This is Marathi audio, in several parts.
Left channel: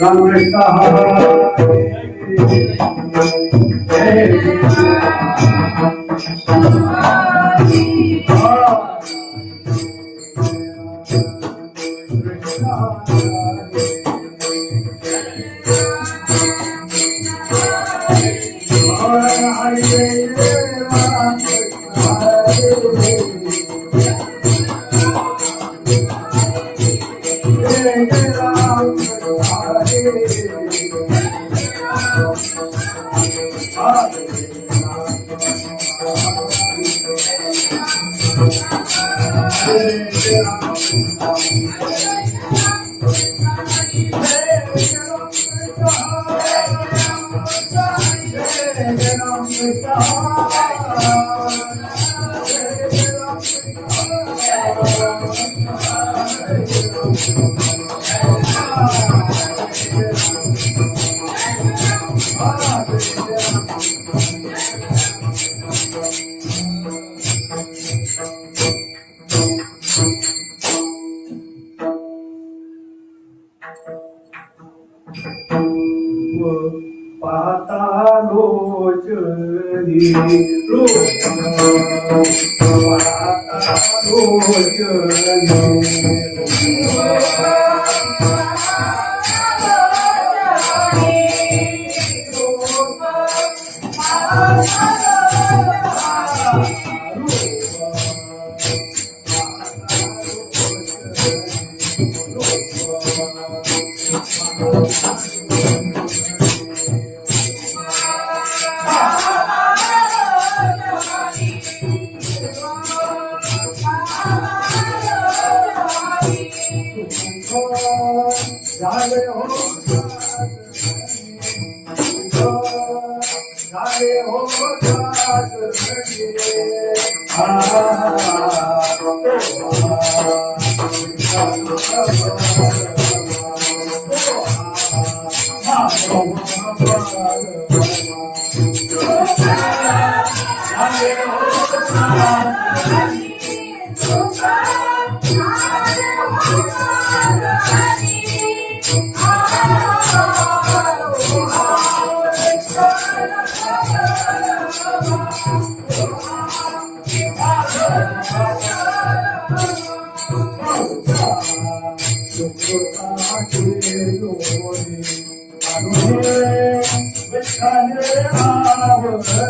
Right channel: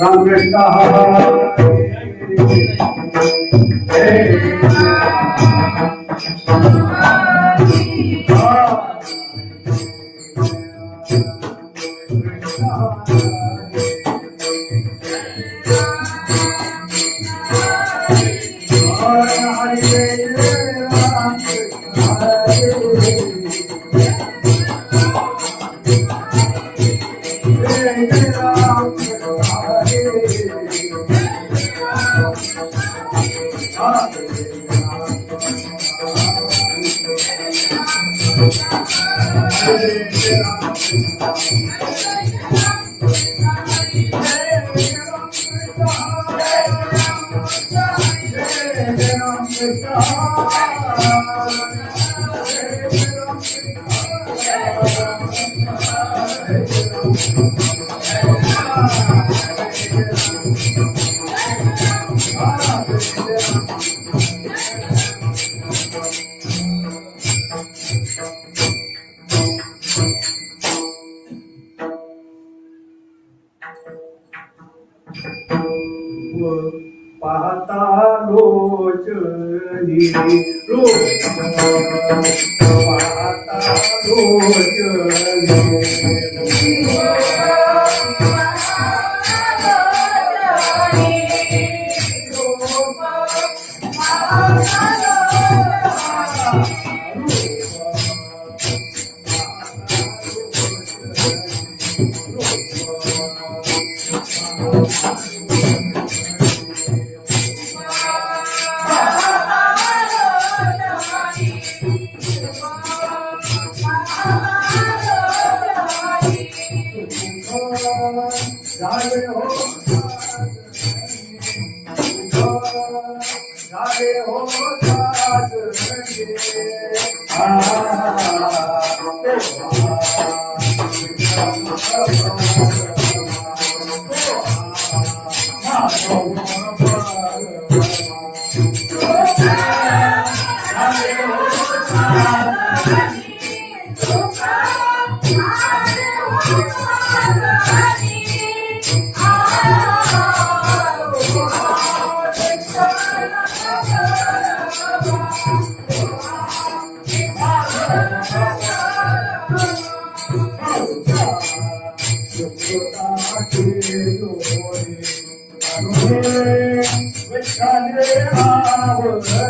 राम कृष्ण पाहता लोचनी रूप पाहता लोचनी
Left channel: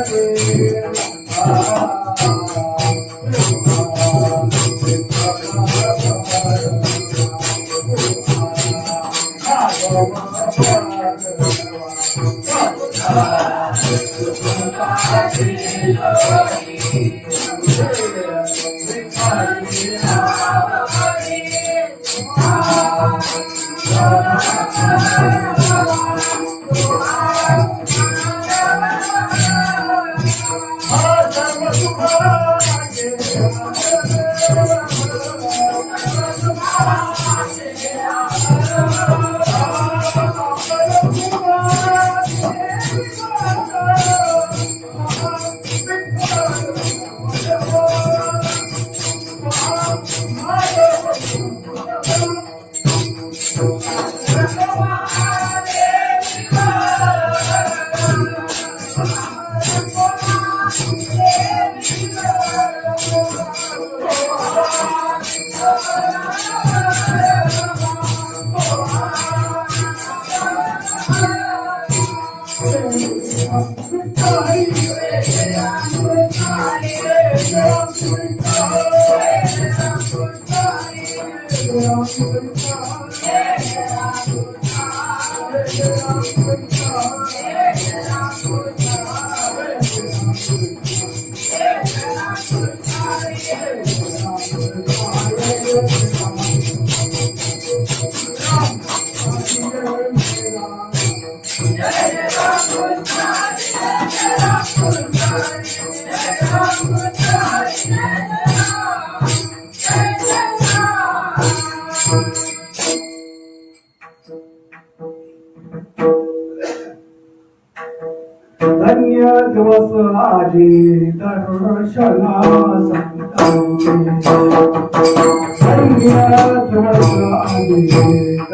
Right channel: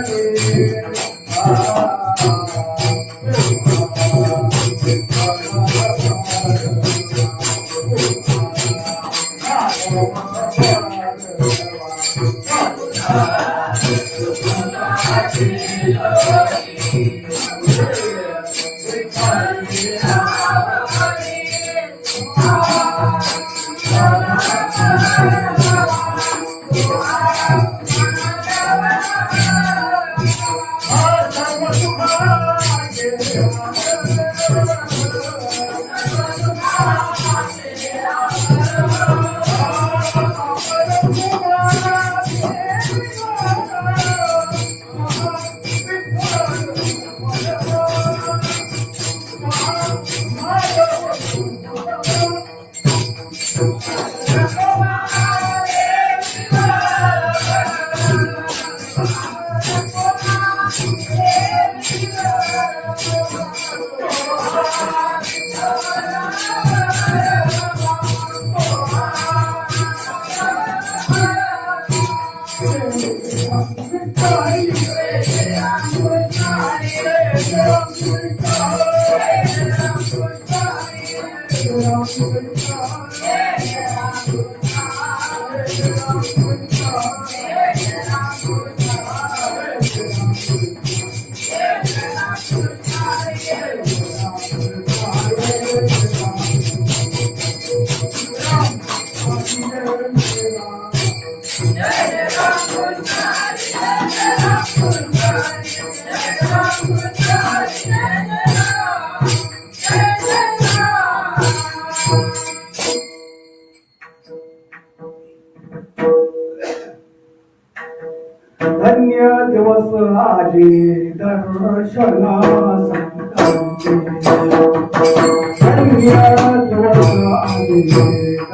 धन्य दिवस आजे दर्शनास धन्य दिवस आजे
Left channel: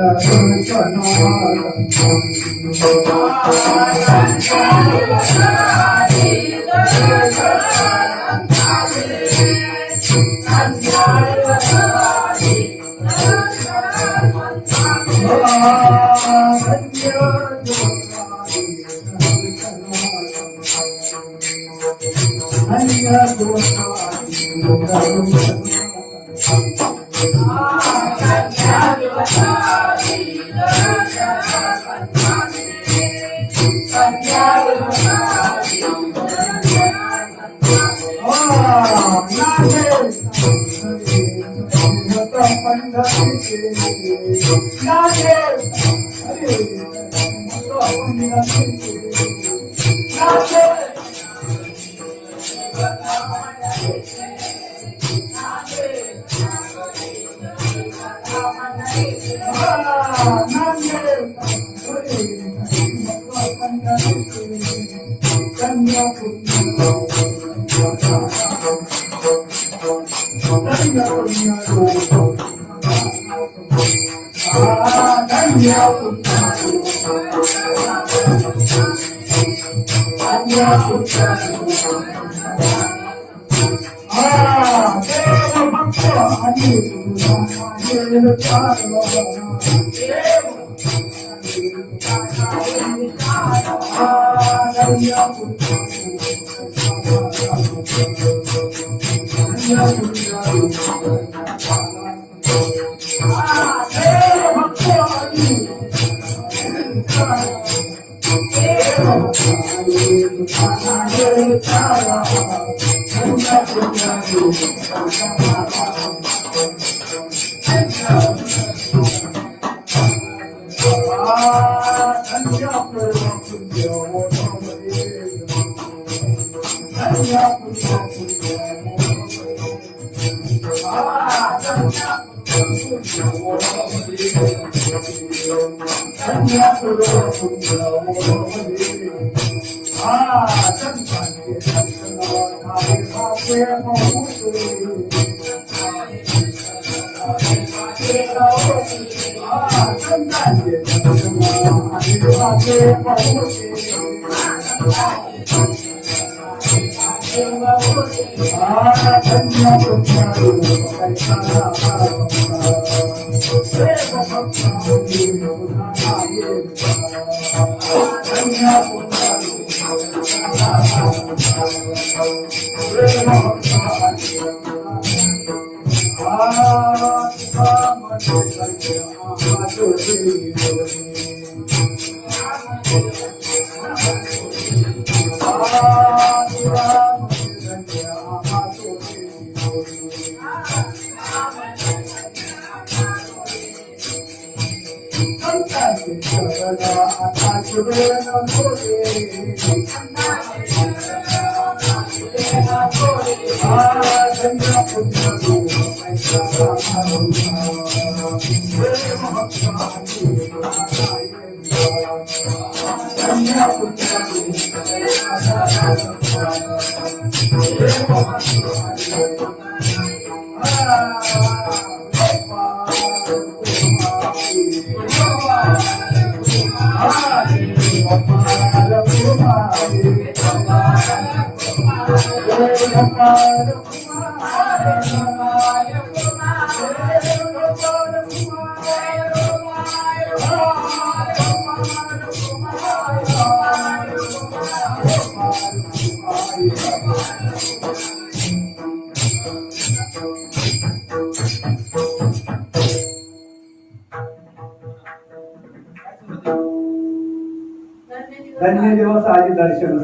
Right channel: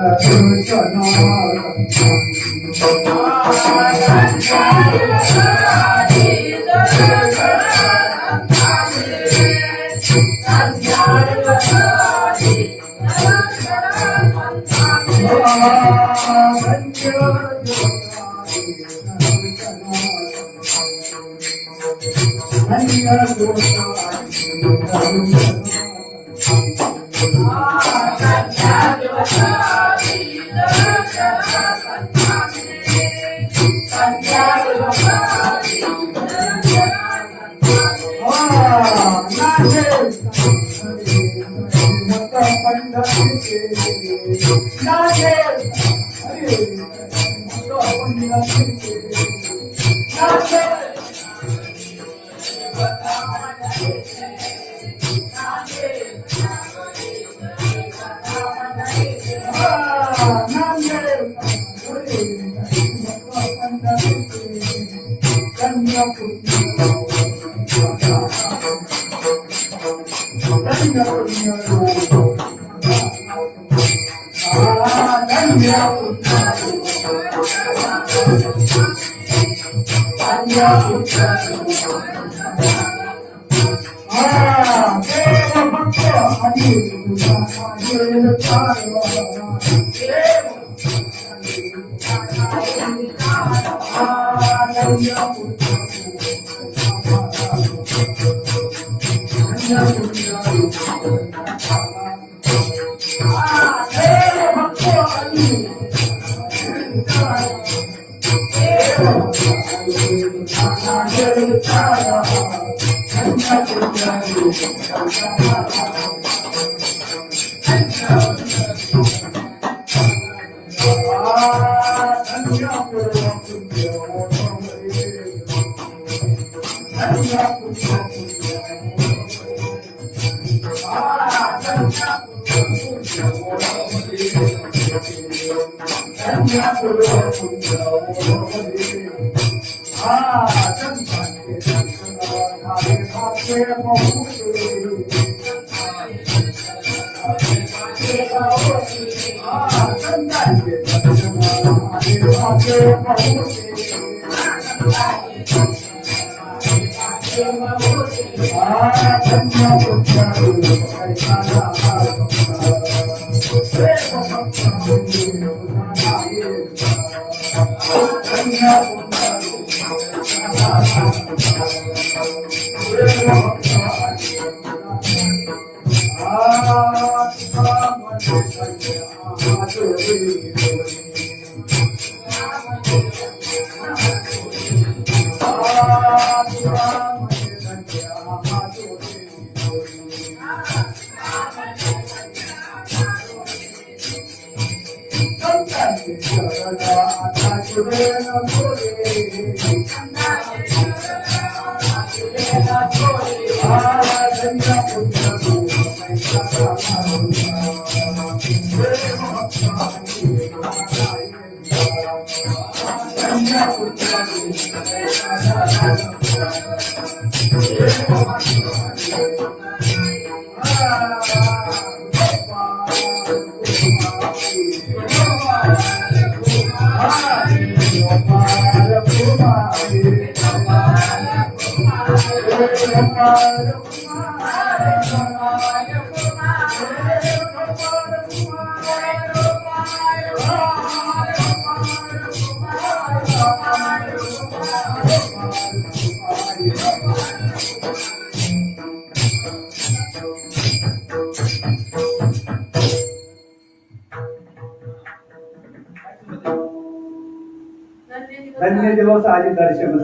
धन्य दिवस आली दर्शन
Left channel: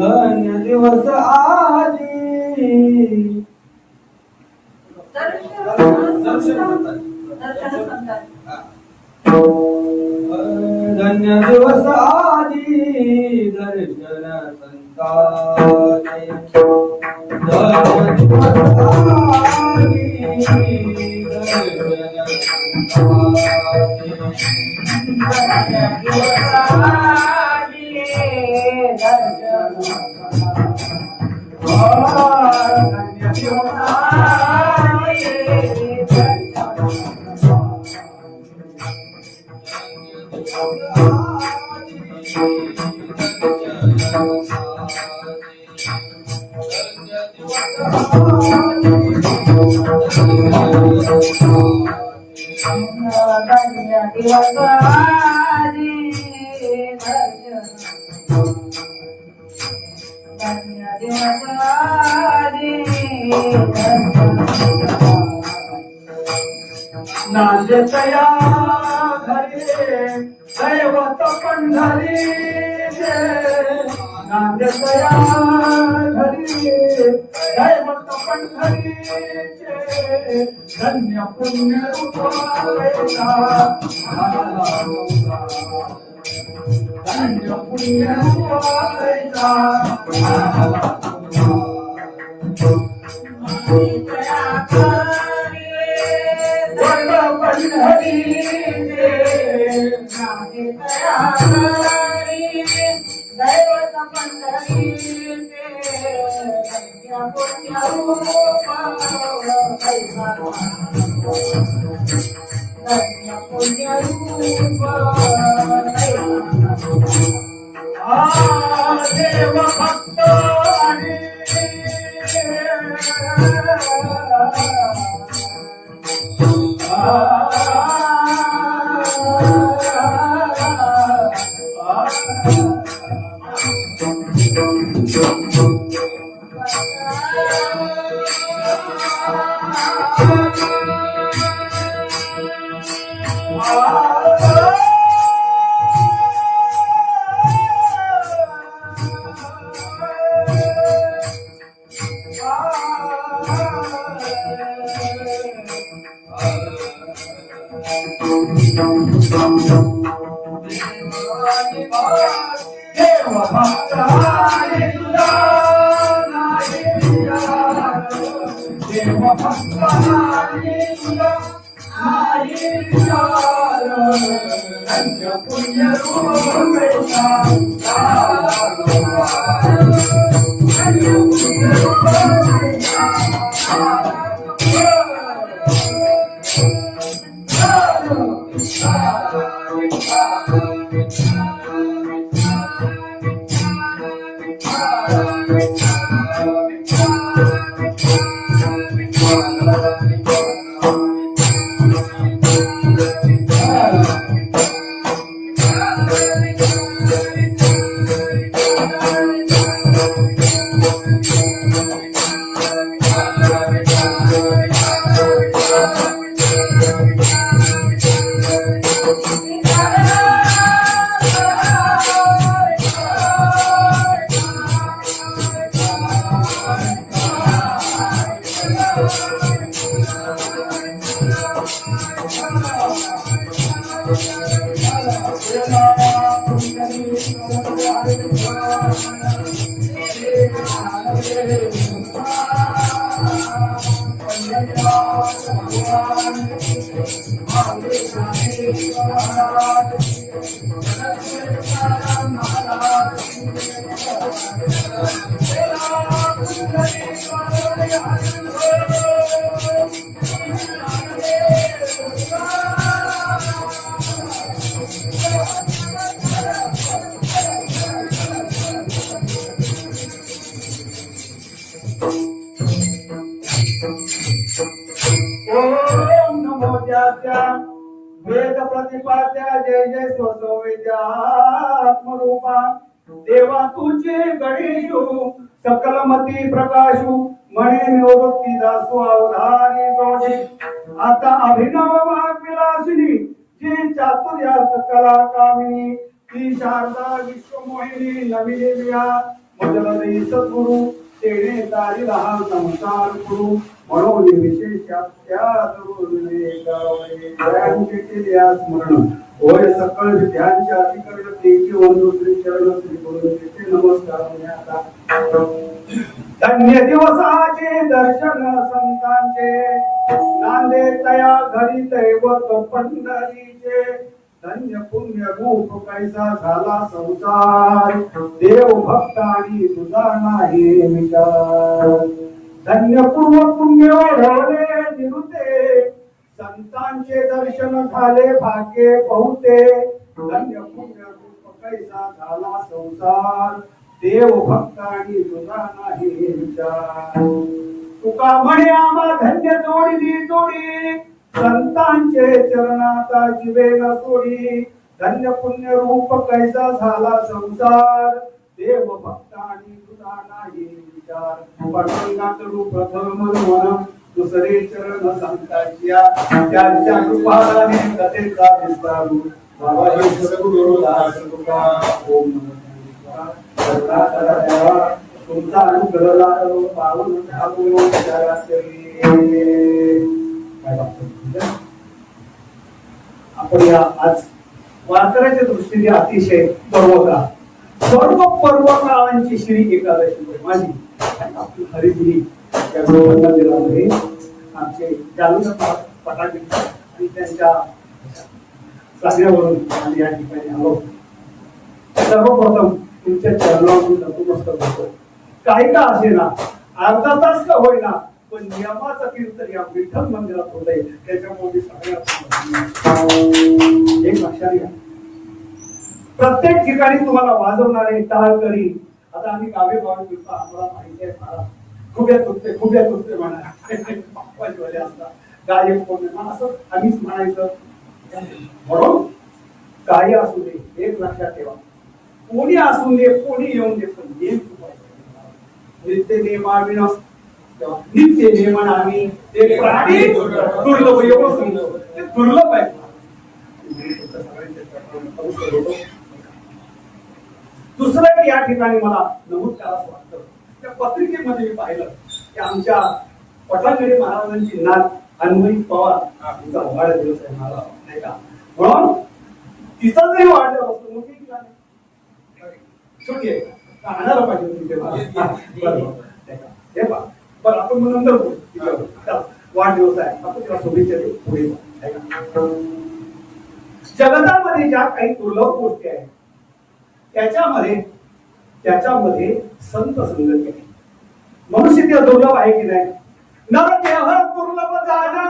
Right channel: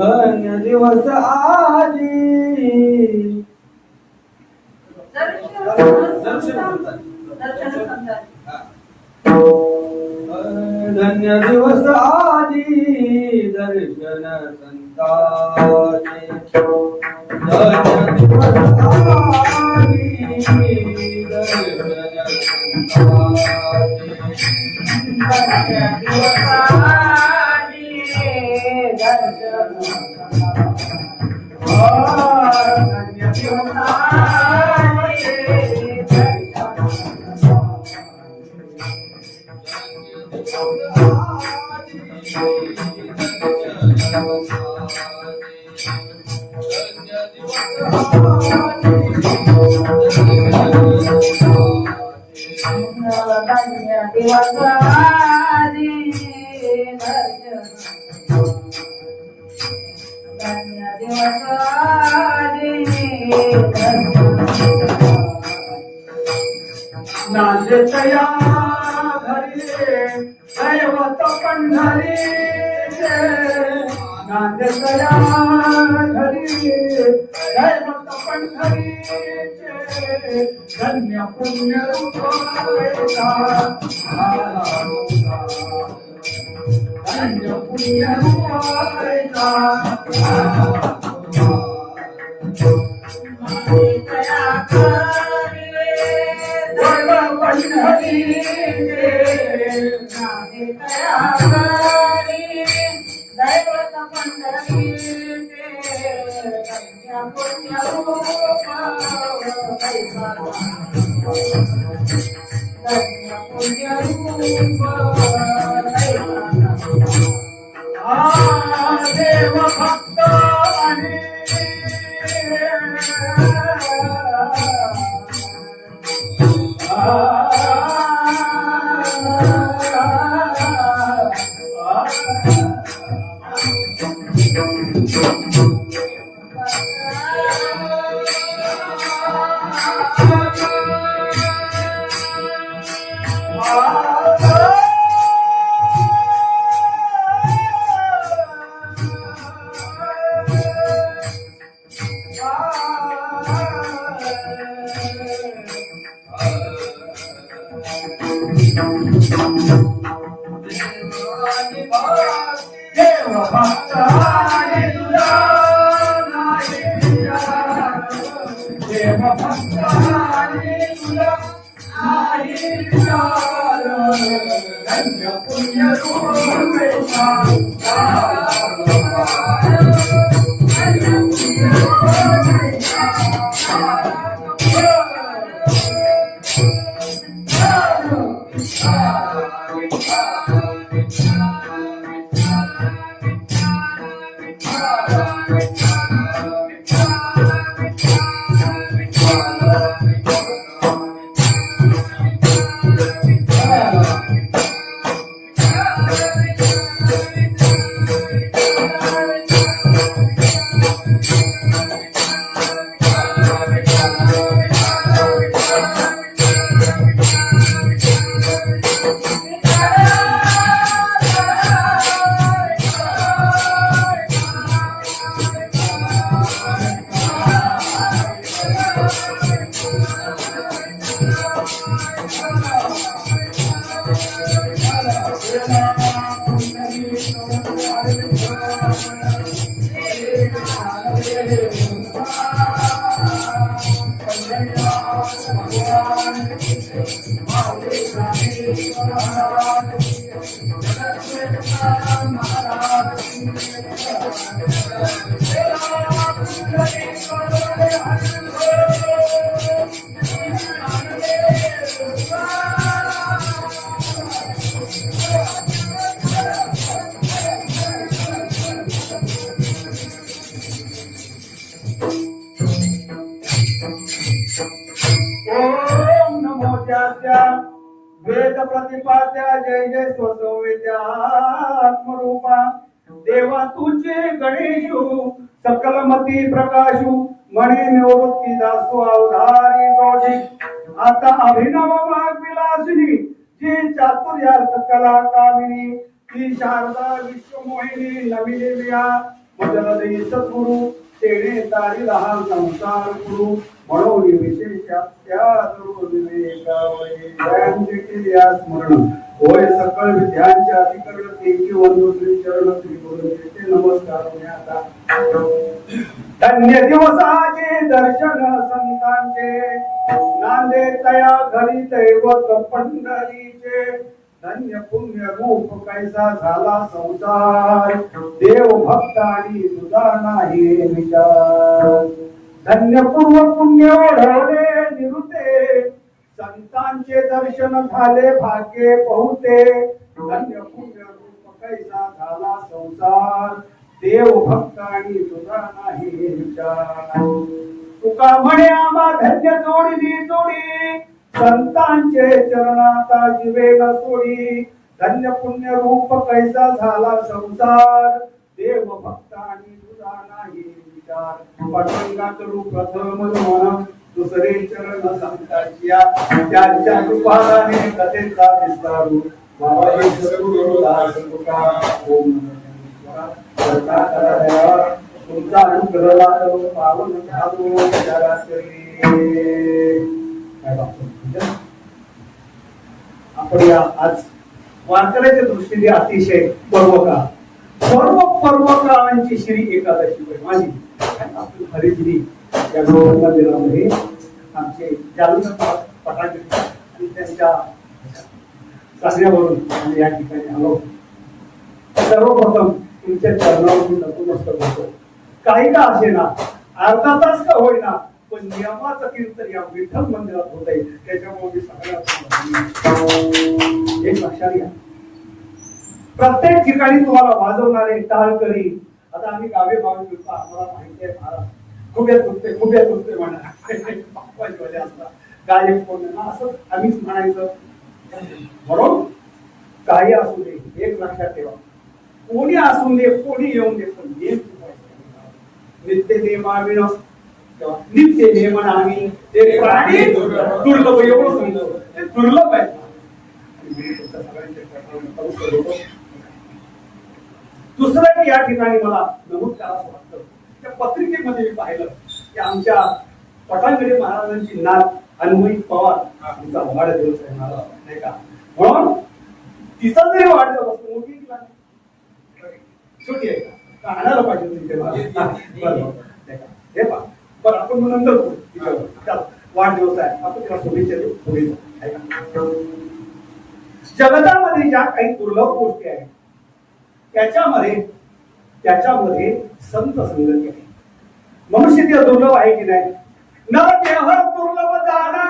धन्य दिवस आली धन्य दिवस आली दर्शन संताचे धन्य दिवस आली दर्शन नांदेतया घरी दैवत पंढरी नांदेतया घरी दैवत पंढरी धन्य पुण्य रूपायचा धन्य पुण्य रूपायचा देव भक्त वेद प्रतिपाद्या जय जय स्वसंवेद्यात्मरूपा देवा तुझे गणेशु सकलमती प्रकाशु मणे निवृत्ती दासु अवधारी जोडी आता अभिनव वाग विलासिनी जी चातुर्यार्थ कला कामिनी ती शारदा विश्वमोहिनी नवी देविया मुजलदे सद्गुरु तेणे तारी लहान संसार गुरु म्हणून विशेषात्या स्मरण होय सकळ विद्यांच्या अधिकरण तेची वंदू श्री चरण श्री गुरुचे नमस्कार धन्य दिवसाचे दर्शन संतांचे नांदे तया घरी दैवत पंढरीचे धन्य पुण्य रूप कैसा झाला संसार देव भक्त आणि तुझा नाही विचार धन्य पूर्व पुण्य ओढवले निरुते संतांचे दर्शन झाले भाग्ये बहुते धन्य पुण्य रूप कैसा झाला संसार देव भक्त आणि तुझा नाही विचार. तुका म्हणे आम्हा धन्य जोडली जोडी, संतांचे चरणाता जीवेला सोडी. धन्य पुण्य रूप कैसा झाला संसार, देव भक्त आणि तुझा नाही विचार. पटंगात रूप प्रथम मन, दुसरे चरण संतांच्या, त्यांच्या रूपाने कथेचा विस्तारू. बाबा सद्गुरुदास तुका ओम तुमचा अनुग्रह लाभो पावन धावो विचारातली. आपण या आज वारकऱ्याच्या दृष्टीने अतिशय पर्वकाळ, सर्व काळांची श्री एकादशी माझी आपली हरिगिरी या मंदिरामध्ये आमचे जालना पटाके आणि त्यांच्या सांगण्यावरून आम्ही या ठिकाणी आलो. सर्वप्रथम तुमच्या चरणावरून नतमस्तक होतो. काही का असे ना, अर्धा तास का होईना, पण नियमाचं कीर्तन या विठ्ठल मंदिरात होत आहे. त्याच्यामुळे मी सगळ्यात एक लक्षात घ्या, प्रत्येक ठिकाणी तुम्हाला वाजवणारे टाळकरी, आता आम्ही गावे भावी फिरतो, आम्हाला माहिती आहे महाराज खुब्यात दुखते म्हणा असतात गायक कोण असं आम्हीच म्हणायचं. म्हणून काही असू दे, एक लक्षात ठेवा, कोणी असू दे, कोणी येऊन दे, पण नित्य नेमाविण नित्य नेमन आम्ही ते प्राणी दुर्लभ, एवढं समजलं ते दुर्लभ आहे. दुसरं या ठिकाणी मला नमूद करावं वाटतं, त्या पत्रिकेमध्ये मी पाहिलं की आमच्या पटांगडे महाराजांची नात अन्वयी पवार तिचा वाढदिवस आहे मला नाही का, म्हणून तिचा जरी वाढदिवस असतो मोठी छोटी आहे का आणायला पाहिजे बरं आपण मग नंतर बोलू. वाढदिवस आहे आपण तुला शुभेच्छा देऊ पुढे. जगतामध्ये ज्या काही दुर्लभ गोष्टी आहेत त्याच्यामध्ये संत संगती आहे. मनुष्य ते दुर्लभ आहे की नाही. न देह दुर्लभ जाणा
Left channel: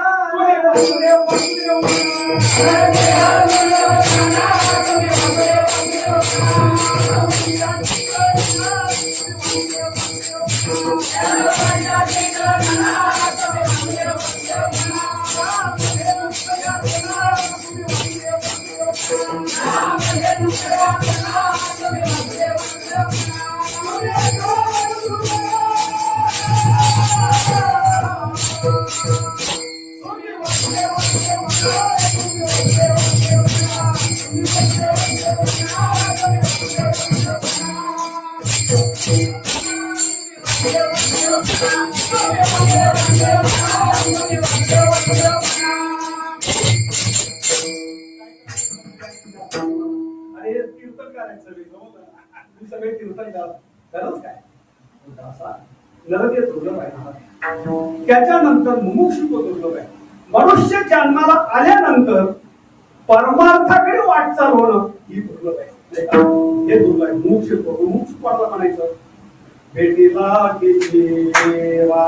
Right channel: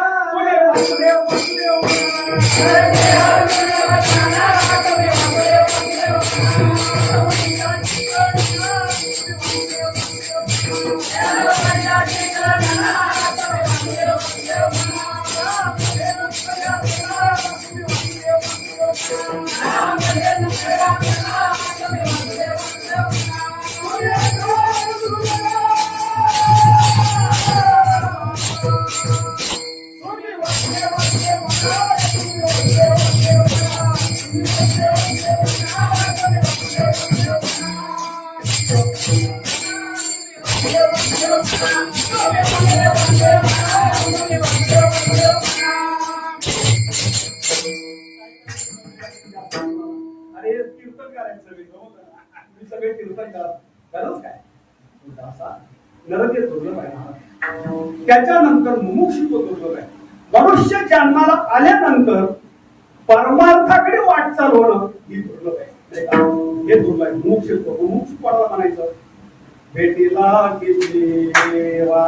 सगळे कीर्तन करत काय नरके दुर्लभ आहे. त्याच्यानंतर मुमुक्षुत्व दुर्लभ आहे. मनुष्य जन्माला आल्यानंतर परमार्थाकडे वाटचाल होणं ही दुर्लभ आहे. हे दुर्लभ आहे. मुमुक्षुत्व मुमुक्षुत्वाला म्हणायचं भेटीला किती देवा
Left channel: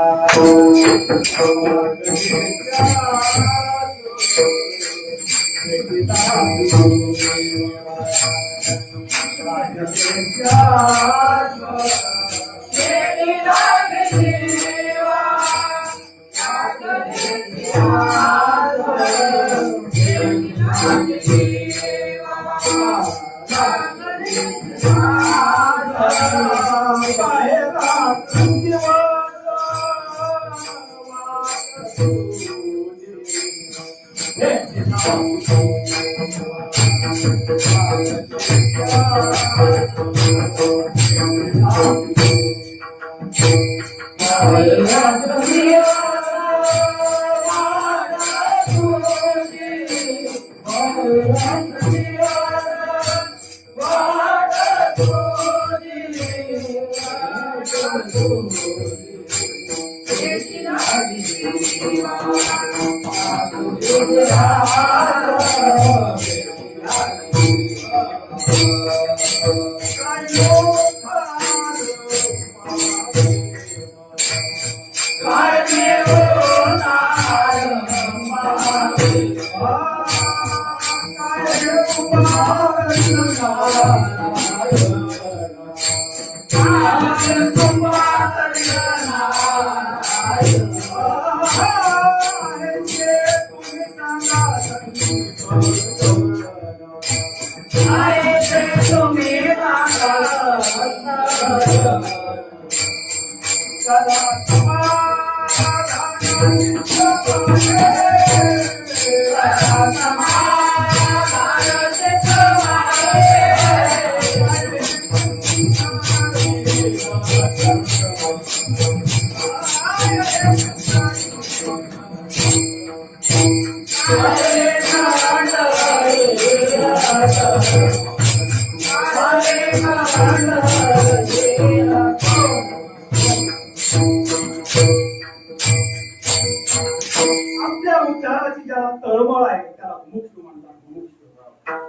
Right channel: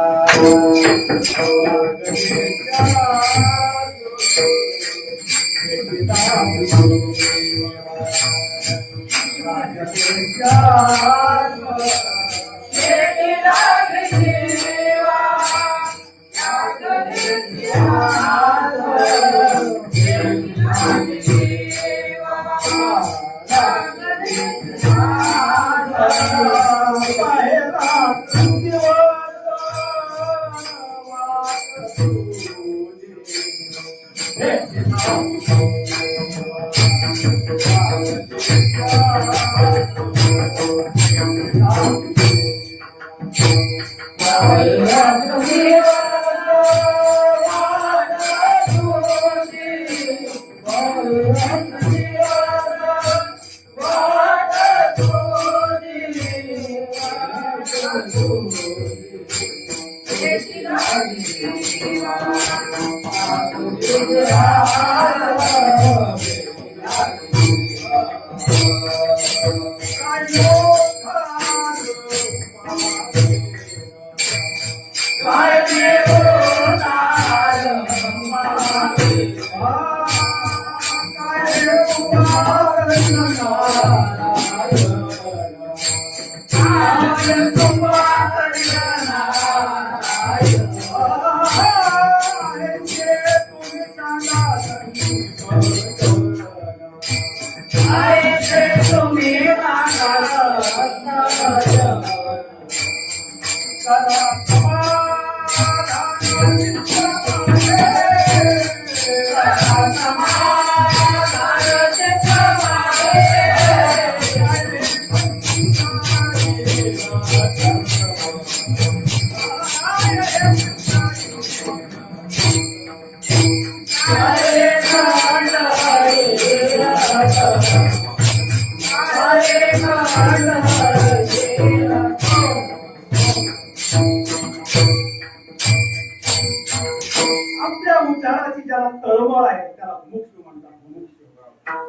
आपल्या उच्चाराची ज्याला तळमळ आहे त्याला मुमुक्षु म्हणतात. मुमुक्षु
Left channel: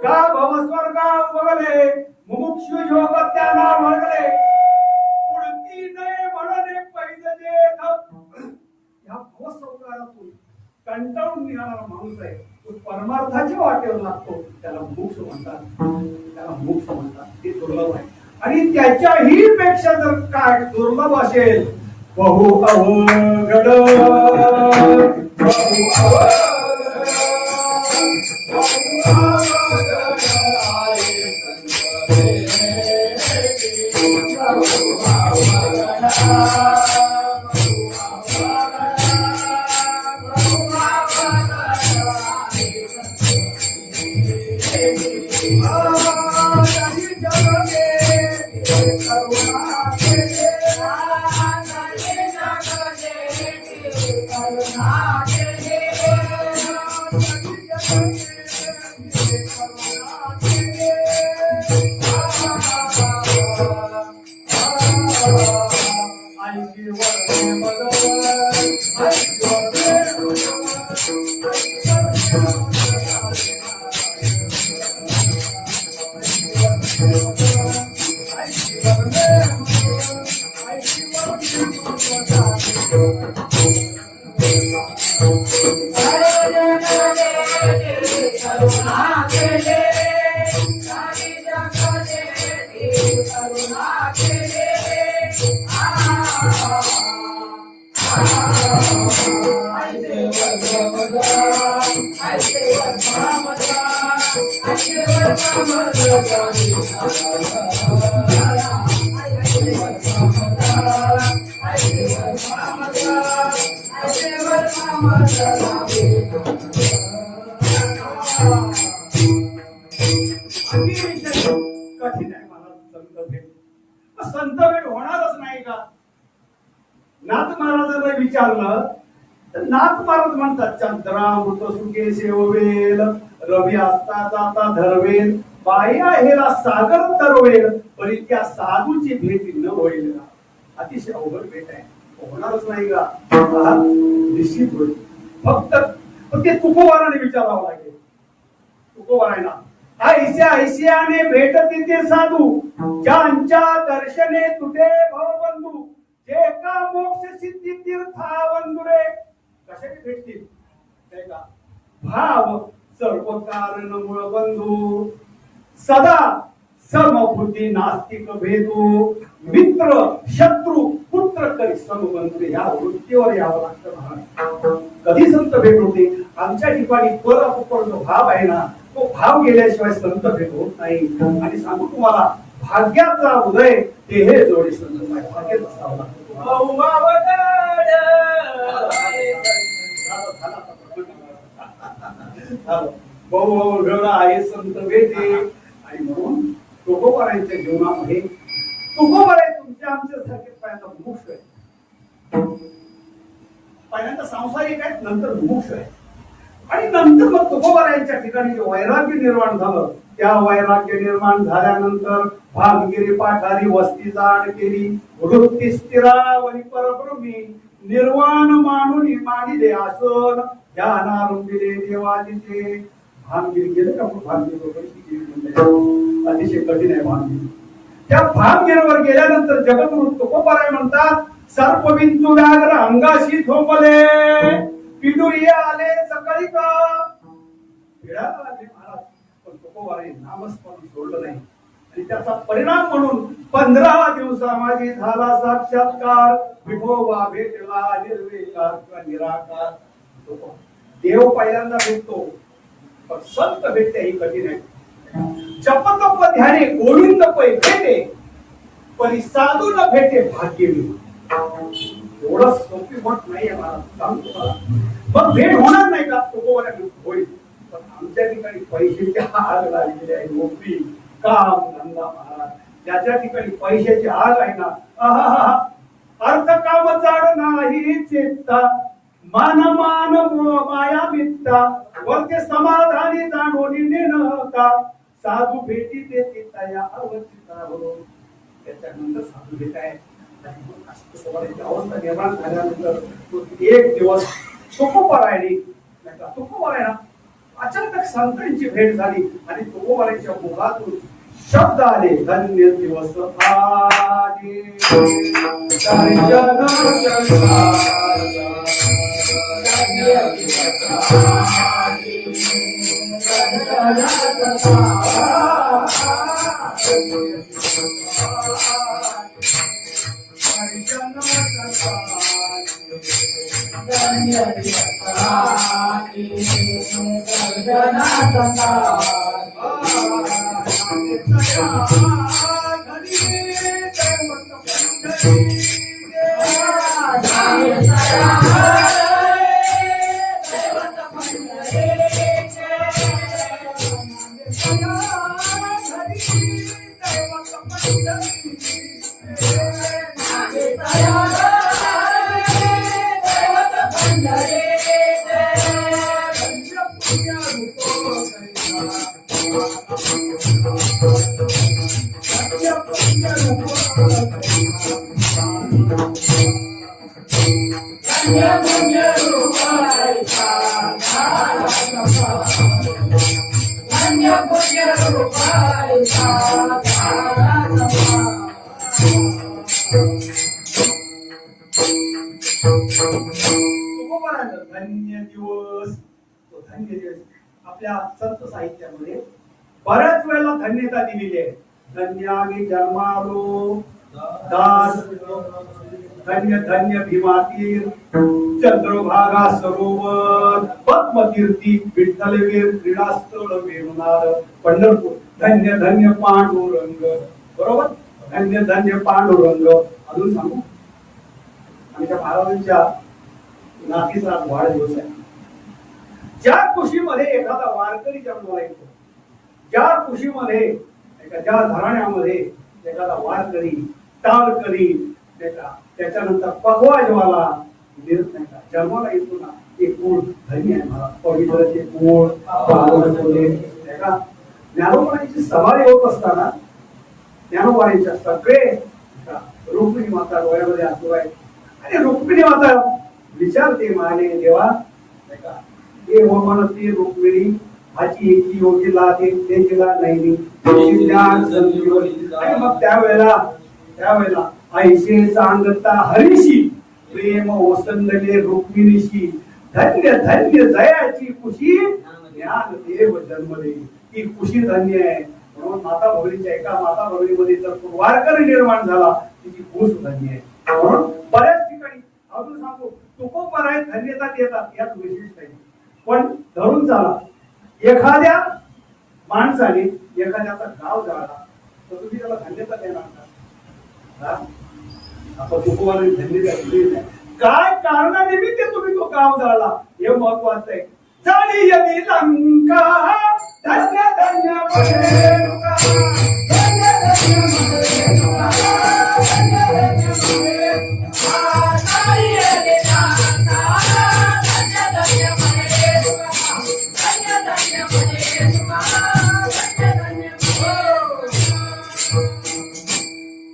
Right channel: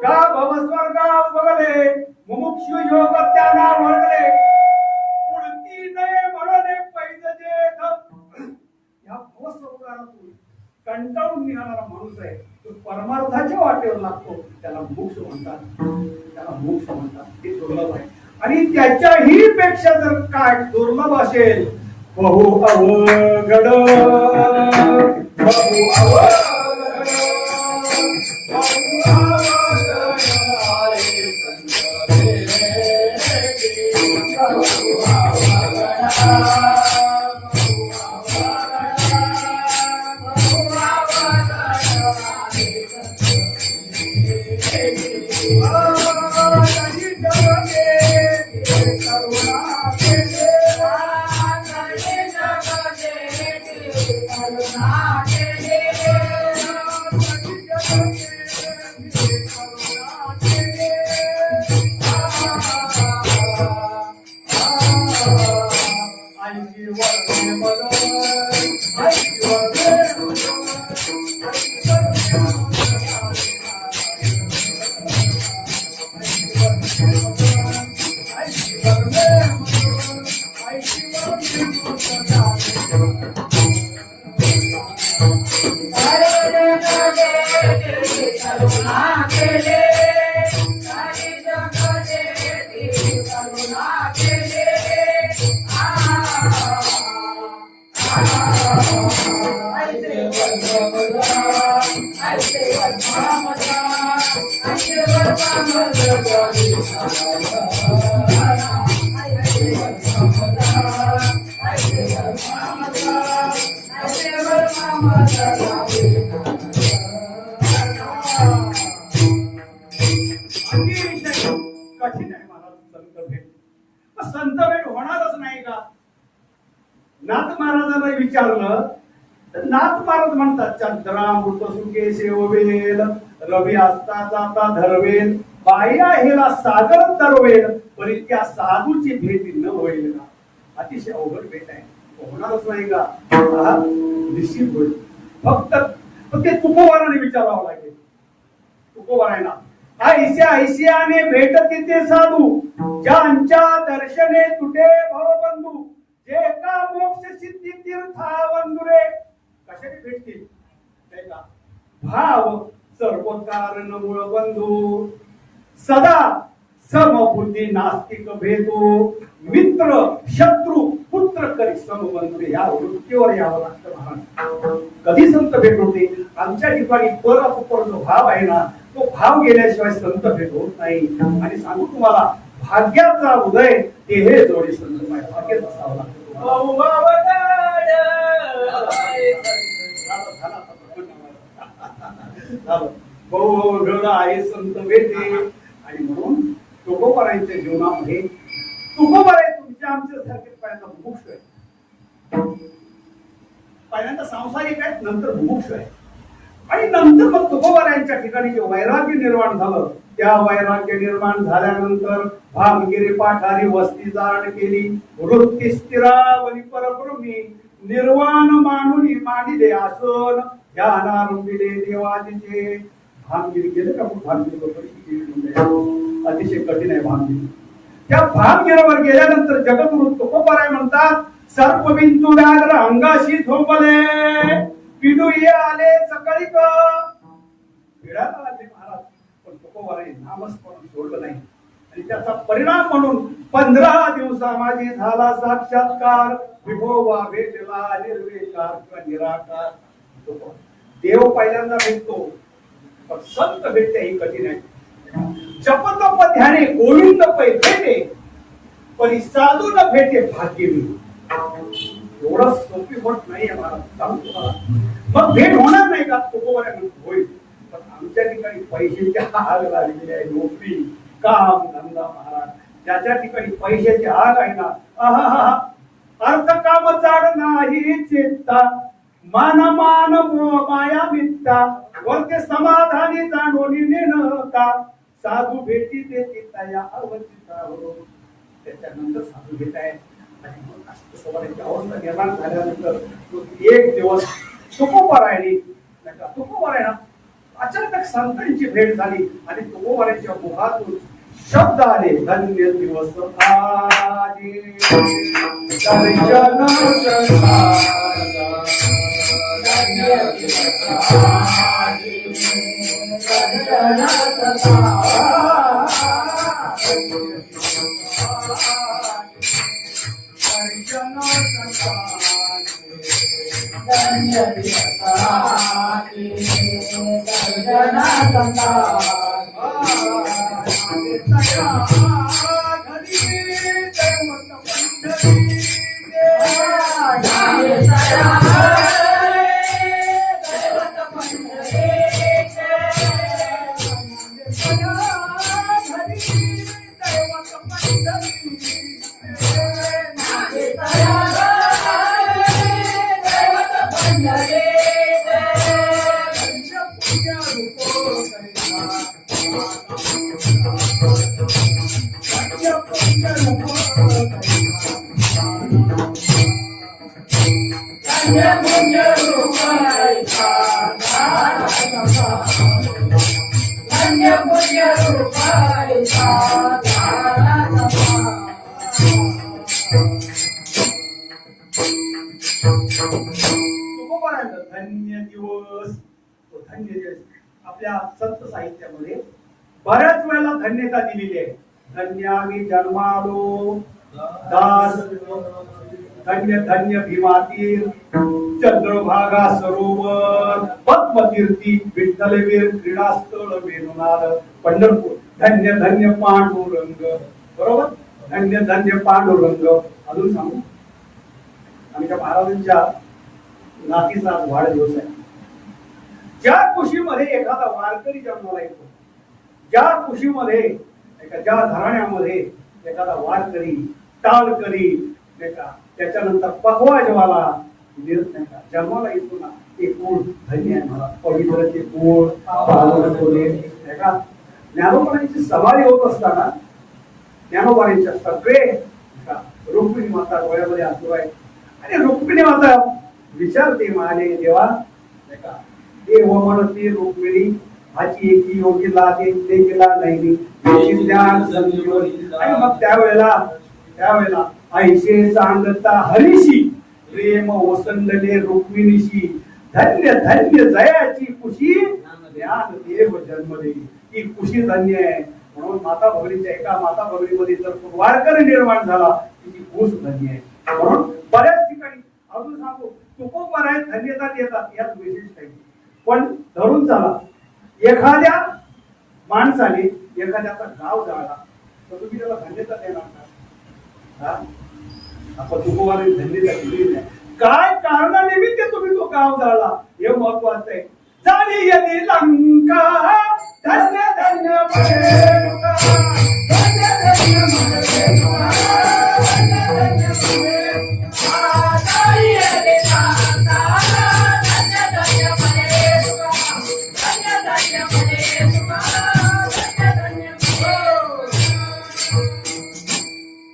का भवस्वर्गा बघले मुमुक्षु योग त्यांना वळले पुढती नये म्हणणे पैदजे या भवस्वर्गातून कंटाळून निघाणारा माणूस आहे तो परमार्थाच्या वाटेवर लागतो त्याला मोक्ष म्हणतात. त्याला मोक्ष म्हणतात. ते दुर्लभ आहे आणि त्याच्याही पेक्षा जर काय दुर्लभ असेल बहु अवघड बहु कठीण आहे मला संत भेट होणारच नाही का? नाथ महाराजांना विचारलं तर नाथ महाराज म्हणतात चंद्रामृत सुखे सेवेल रवी असता जाता धरवेल बाई आहेला सागर तरवेल पण त्या साधूची भेट न होईल का? अतिशय अवघड भेट आहे. होणारच नाही का? निश्चित होईल. फक्त ते तुकोबाराने विचारावं लागेल. तुकोबारायला ऐस्या ऐस्याने भेटती ते साधू ज्यांच्या दर्शने तुटे भवबंधू जे का मोक्ष सिद्धी तीर्थावंदुरे कशाने भेटतील? भाव सर्व कारण मूळ बंधू सदा समबुद्धी नास्तिक भेदू मित्र शत्रू पुत्र करी समबंधू या वृत्तीवर यावं लागतं. कधी संत भेट होते? आमच्या ठिकाणी पर जो भाव आहे ना तो भाव गेल्याशिवाय संत भेट होत नाही. आणि सांगू तुम्हाला भाग्याचा उदय हे जोडी संत भाग्यात असावं लागतं. बहु आहे संत भेटे आणि म्हणून तुकोबारायांच्या जीवनामध्ये तुकोबाराय तुमच्या आमच्या सारखे पहिल्यांदा मुमुक्ष आहे. पहिल्यांदा सांसारिक आहेत नंतर मुमुक्ष आहे. आणि नंतर मग तुकोबारायांच्या ठिकाणी जे वैराग्य निर्माण झालं त्या वैराग्य निर्माण झाल्यानंतर भागगिरी पाठारी वस्ती जाण केली वृत्ती स्थिरावली परब्रह्मी निर्वाण मानुनी मांडिले आसन ध्यानारंभिले देवाचे भानगिरी गेले का? भानगिरी अतिशय कठीण आहे भानगिरी. त्या भानगिरीवर गेल्यानंतर जगद्गुरु तुकोबाराय म्हणतात सर्प विंचू व्याघ्र अंगाशी झोपले पिडुये आले सकाळी का पिढा आले महाराज. पण तुकोबाराय नामस्मरण सोडलं नाही आणि त्याचा परिणाम म्हणून 15 दिवसा माझी झाला साक्षात्कार विभोवा भेटला निर्विकार निराकार. देव पहिल्यांदा भेटतो पण संत भेटते ही कठीण आहे. जपतप ध्याने गोविंद पै भेटे पण साधू न भेटे भाग्यवी. एवढं सोपी मत नाही आहे मला. मग भेट होणार नाही का? तुकोबारांना होईल. पण आमच्या ठिकाणी पैशाची आग लागलेली आहे. नोकरी, काम, धंदा, महाराज, ज्याच्या ठिकाणी पैशाची आग आहे ना, आहा, अर्थ काम जाड नाही चेता, मान मान माया मित्ता, वरते समाधानी जाणोनी नेनका, साधू भेटी देती तया अवचिता हो. त्याच्यानंतर साधू घेत आहे. अवस्था निर्माण झाल्यानंतर एक दिवस तुकोबारायला अचानक संतांची भेट झाली आणि तुकोबारायच्या मुखातून शब्द आले, धन्य दिवस आले, धन्य दिवस. आपल्या संत साहित्यामध्ये बऱ्याच वेळेला धन्यता दिलेली आहे. धन्यागी जन्मालो दास, धन्य धन्य भीमातीर, चंद्रभागा सरोवर, पद्मतीर्थी, विठ्ठलवीर क्रीडास्थळ वेणुनाद, पंढरपूर, धन्य धन्य पांडुरंग. बरोबर, धन्य धन्य पांडुरंग. अजून सांगू, आमच्या महाराजांच्या नातीचा आज वाढदिवस आहे. ज्या कुशीमध्ये एखादा वारकरी जन्माला येतो, ज्या कुशीमध्ये ज्या घराण्यामध्ये एखादा वारकरी, टाळकरी, त्याच्यानंतर पकवाजवाला जन्माला येतो ना, एक गुण धन्य आहे. मला पवित्राचे गुण ज्ञानोबांची सवारी होत असताना ज्ञानोबांच्या सगळे रुक्मिणी माता डोळ्यामध्ये असू आहे आणि रुक्मिणी माता विचारते, माने देवा, हे हो म्हणते रुक्मिणी, हाची एकी योगीला ते केला नाही. आणि मग त्यावेळेला ऐशे सांगता हरीशी, प्रेम ओसंडले रुक्मिणीशी, धन्य धन्य जयाची कुशी, ज्ञान देव जन्मले. ही कुशी धन्य आहे. म्हणून माता भगिनीच्या एका माता भगिनीमध्ये जर वारकरी निर्माण झाला, तिची कुश धन्य आहे. म्हणून बऱ्याच ठिकाणी अजून सांगतो, तुकोबाराय धन्यता देतात, यात विशिष्ट आहे. पण धरून चाला, एखाद्या माणसाने एखाद्याचा गाव जाळला तर तुम्ही त्याला धन्यता देणार का? आपण तुकोबाराने धन्यता दिली नाही. काय कारणानिमित्त तुम्ही तो गाव जाळला हे महत्वाचं आहे. जाणी यदी लंका, धन्य धन्य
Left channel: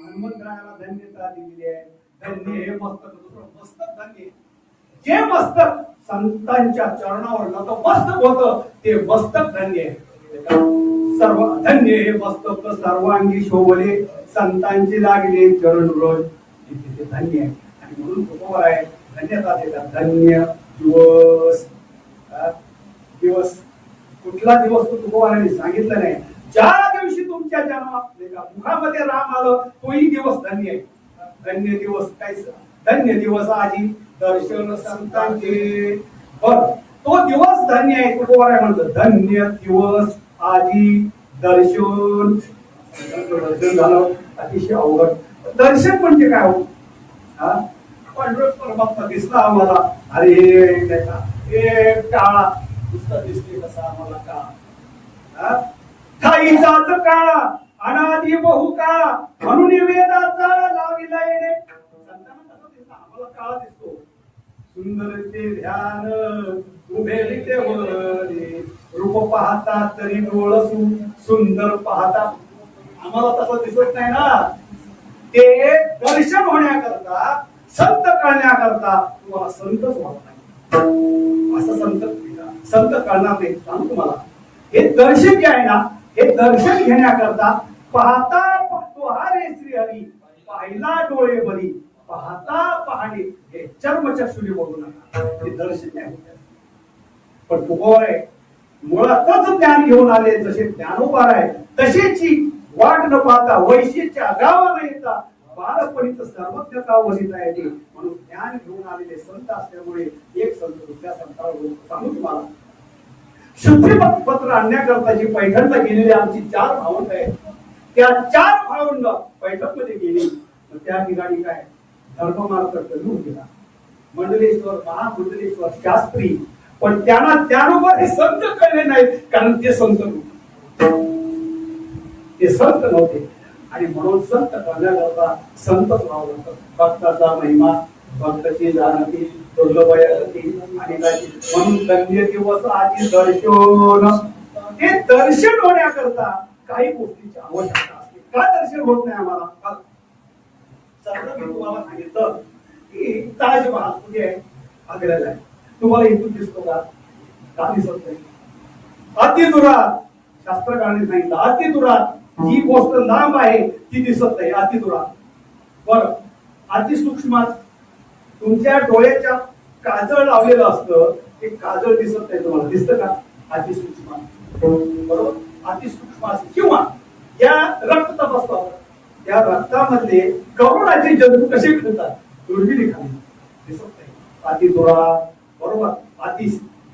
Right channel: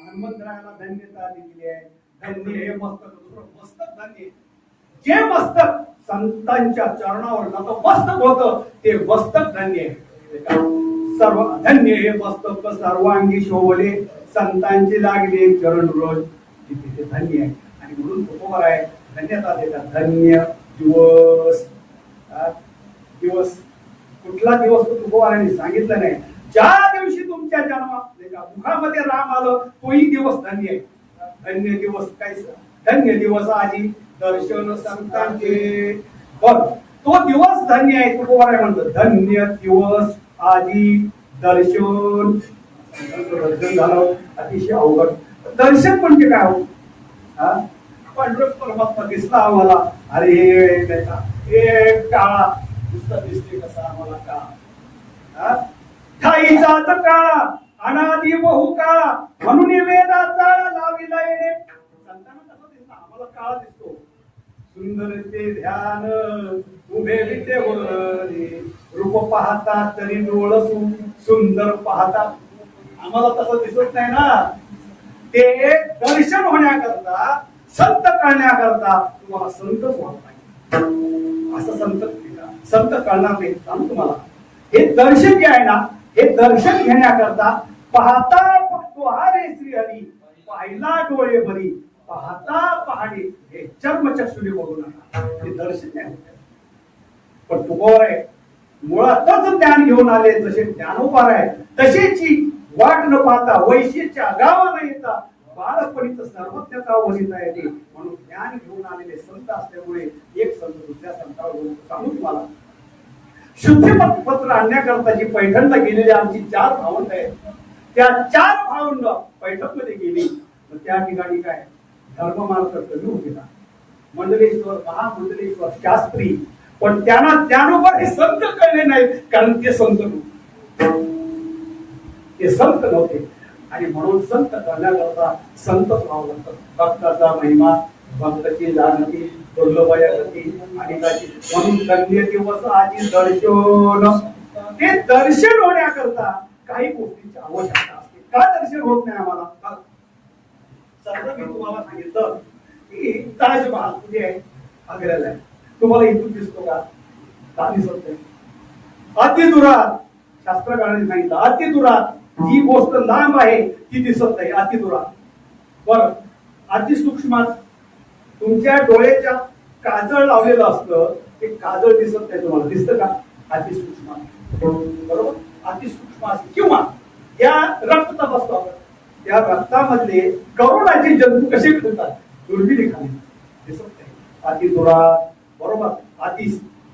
हनुमंतरायाला धन्यता दिलेली आहे. धन्य हे मस्तक, दुसरं मस्तक धन्य. जे मस्तक संतांच्या चरणावर नतमस्तक होतं ते मस्तक धन्य आहे. सर्व धन्य हे मस्तक सर्वांगी शोभले, संतांची लागले चरण रोज, ते धन्य आहे. आणि म्हणून तुकोबाराय धन्यता देतात. धन्य दिवस. दिवस कुठला दिवस तो तुकोबारायांनी सांगितलं नाही. ज्या दिवशी तुमच्या मुखामध्ये राम आलं तोही दिवस धन्य आहे. धन्य दिवस काय? धन्य दिवस आजी दर्शन संतांचे. तो दिवस धन्य आहे. तुकोबाराय म्हणतो धन्य दिवस आजी दर्शन. दर्शन झालं अतिशय अवघड. दर्शन म्हणजे काय हो? पांडुरंग परमात्मा दिसला आम्हाला. अरे हे काळा नुसतं दिसते कसा आम्हाला काळा, थाईचाच काळा अनादी बहु काळा म्हणून वेदाचा लाविला येणे. संतांना कसं दिसतं, आम्हाला काळा दिसतो. सुंदर ते ध्यान उभे ते वरे, रूप पाहता तरी डोळसू सुंदर पाहता. आम्हाला तसं दिसत नाही ना. ते दर्शन होण्याकरता, संत कळण्याकरता तुम्हाला संतच व्हावं नाही. असं संत कळणार नाही. सांगू तुम्हाला, हे दर्शन जे आहे ना, हे दर्शन घेण्याकरता पाहता तो हा रे श्री हरी, पाहिला डोळे भरी, पाहता पहाणे हे चर्मचक्षुने बघू नका. हे दर्शन आहे. पण तुकोय मुळातच ज्ञान घेऊन आले, जसे ज्ञानोबा आहे तसेची वाट न पाहता वैशिष्ट्य गावा न येता बालपणीच सर्वज्ञता वनिता येते. म्हणून ज्ञान घेऊन आलेले संत असल्यामुळे एक संत दुसऱ्या संताला सांगू तुम्हाला, शुद्धी पत्र आणण्याकरता जी पैठणला गेलेली आमची 4 भावंड आहेत, त्या 4 भावंड पैठण मध्ये गेली. त्या ठिकाणी काय धर्ममार्ग कमी होता, मंडलेश्वर महामंडलेश्वर शास्त्री, पण त्यांना त्यानुसार हे संत कळले नाहीत, कारण ते संत नव्हते. आणि म्हणून संत करण्याकरता संत व्हावं लागतं. भक्ताचा महिमा भक्ताची जानती दुर्लभयाती आणि म्हणून धन्य दिवस आधी दर्शन. ते दर्शन होण्याकरता काही गोष्टींची आवश्यकता असते. का दर्शन होत नाही आम्हाला? सगळं मी तुम्हाला सांगितलं की ताजमहाल कुठे आहे? आग्र्याला आहे. तुम्हाला इथून दिसतो का? का दिसत नाही? अतिदुरात शास्त्रकारांनी सांगितलं, अतिदुरात जी गोष्ट लांब आहे ती दिसत नाही. अतिदुरात बरं, अतिसूक्ष्मात तुमच्या डोळ्याच्या काजळ लावलेलं असतं, ते काजळ दिसत नाही. तुम्हाला दिसतं का? अतिसूक्ष्मात, बरोबर. अतिसूक्ष्म किंवा या रक्तात असतात, त्या रक्तामधले करोडाचे जंतू कसे फिरतात दुर्बिणीखाली दिसत नाही. अतिदुरात, बरोबर.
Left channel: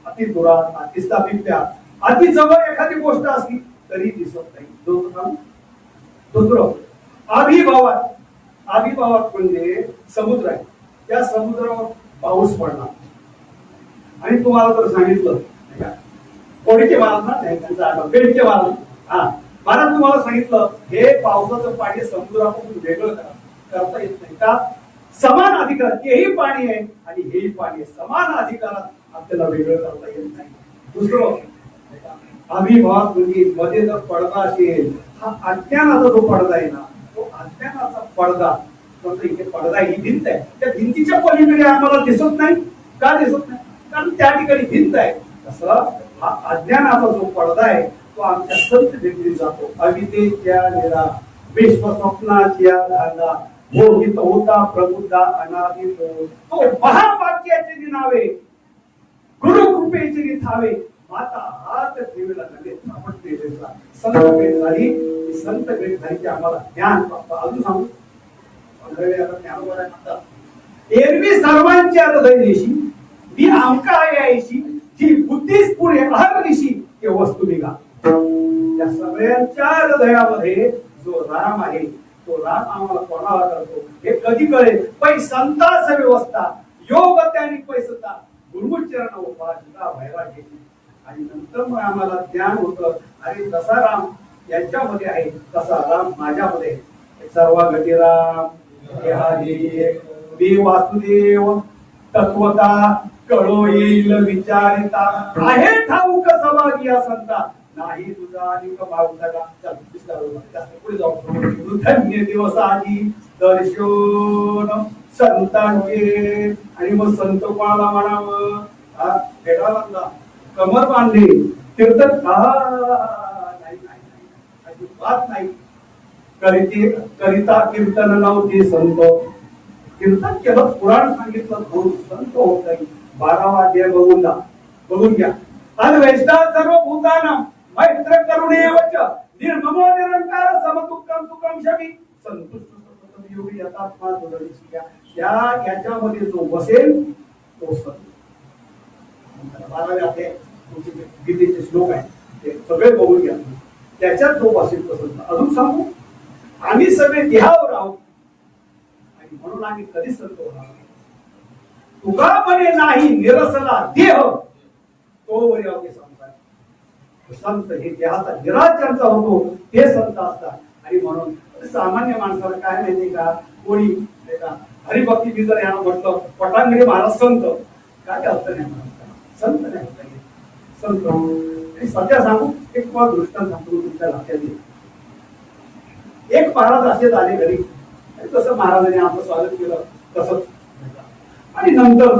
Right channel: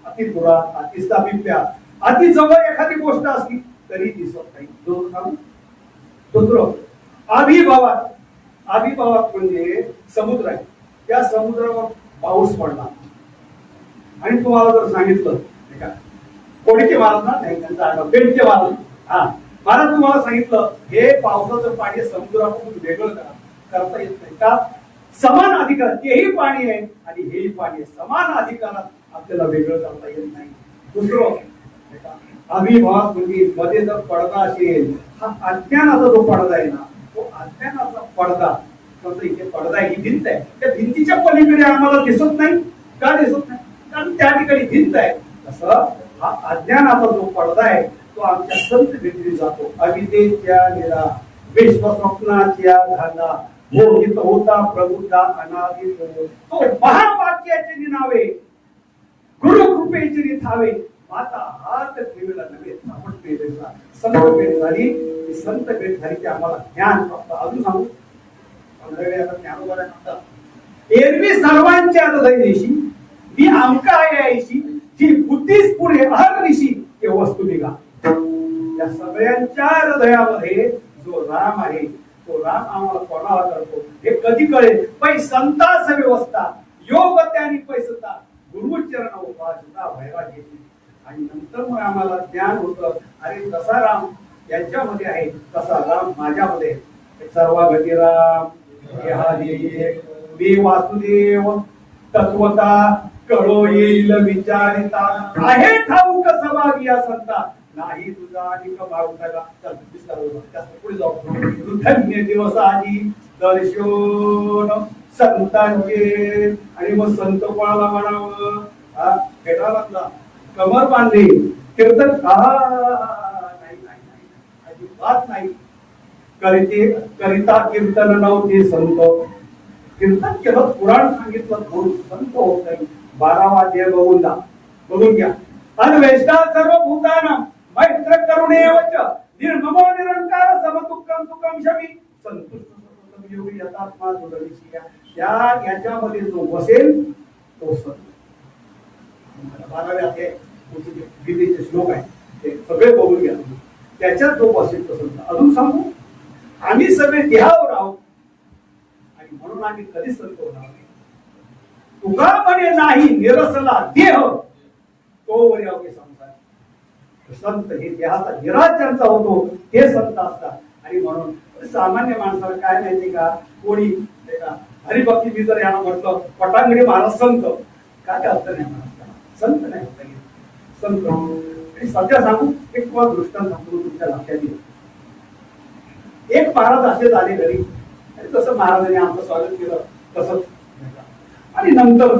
अतिदुरात, अतिस्थापित्या, अति जवळ एखादी गोष्ट असली तरी दिसत नाही. दुसरं अभिभावात. अभिभावात म्हणजे समुद्र आहे, त्या समुद्रावर पाऊस पडला आणि तुम्हाला जर सांगितलं कोणीचे महाराज ना नाही बेडचे महाराज, महाराज तुम्हाला सांगितलं हे पावसाचं पाणी समुद्रापासून वेगळं करता येत नाही का? समान अधिकार, तेही पाणी आहे आणि हेही पाणी आहे, समान अधिकारात आपल्याला वेगळं करता येत नाही. दुसरं अभिभाव म्हणजे मध्ये जर पडदा असेल, हा अज्ञानाचा जो पडदा आहे ना, तो अज्ञानाचा पडदा. इथे पडदा ही भिंत आहे, त्या भिंतीच्या पलीकडे आम्हाला दिसत नाही. का दिसत नाही? कारण त्या ठिकाणी भिंत आहे. तसं हा अज्ञानाचा जो पडदा आहे तो आमच्या संत भेटली जातो. अविद्येच्या निरा विश्वस्वप्नाच्या धागा मोहित होता प्रबुद्धा अनादि तो महावाक्याचे निनावे गुरु कृपेची निथावे आता हात ठेवला नव्हे आपण पेरेचा संत भेट झाली. संत भेट झाली की आम्हाला ज्ञान प्राप्त. अजून सांगू एरवी सर्वांच्या हृदयदेशी मी आमका यायची जी बुद्धीस पुढे हर दिशी ते वस्तू निघा. या सगळ्यांच्या हृदयामध्ये जो राम आहे तो राम आम्हाला कोणाला करतो हे कधी कळेल? पै संतास व्यवस्था योग त्याने पैसता गुरुचरण उपासना व्हायला घेतली आणि नंतर मग आम्हाला ज्ञान होतं. अरे तसा राम यांच्यामध्ये आहे, तसा राम माझ्यामध्ये आहे. सर्व गती राम मी वासुदेव तत्वता कळो येईल विचारिता आहे ठाऊक सभागी संता नाही तुझा अधिक भावताला. पुढे जाऊ. धन्य दिवस आधी दर्शन संतांचे आणि मग संत कोणाला म्हणावं? भेटा लागला कमर बांधली कीर्तन नाही अजिबात नाही करिता कीर्तन नव्हते संत. कीर्तन केलं, पुराण सांगितलं, म्हणून संत होत नाही. 12वा अध्याय बघून घ्या. आणि वेष्टा सर्व भूताना मैत्र करुणेवच निर्ममो निरंकार समदुःखम सुखम शमी संतुष्ट योगी यथात्मा जोडलीशी याच्यामध्ये जो बसेल तो संत. 12व्या अध्याय गीतेचे श्लोक आहे ते सगळे बघून घ्या. त्याच्यात जो बसेल तो संत. अजून सांगू, आम्ही सगळे देहावर आहोत आणि म्हणून आम्ही कधीच संत होणार नाही. तुका म्हणे नाही निरसला देह तो वरी अवघे संसार. संत हे देहाचा निराश ज्यांचा होतो ते संत असतात. आणि म्हणून सामान्य माणसाला काय माहिती का, कोणी हरिभक्ती मी जर यांना म्हटलं पटांगडी महाराज संत, काय अर्थ नाही महाराज संत नाही संत. आणि सध्या सांगू एक तुम्हाला दृष्टांत सांगतो तुमच्या लक्षात येईल. एक महाराज असेच आले घरी, तसं महाराजांनी आमचं स्वागत केलं तसंच. आणि नंतर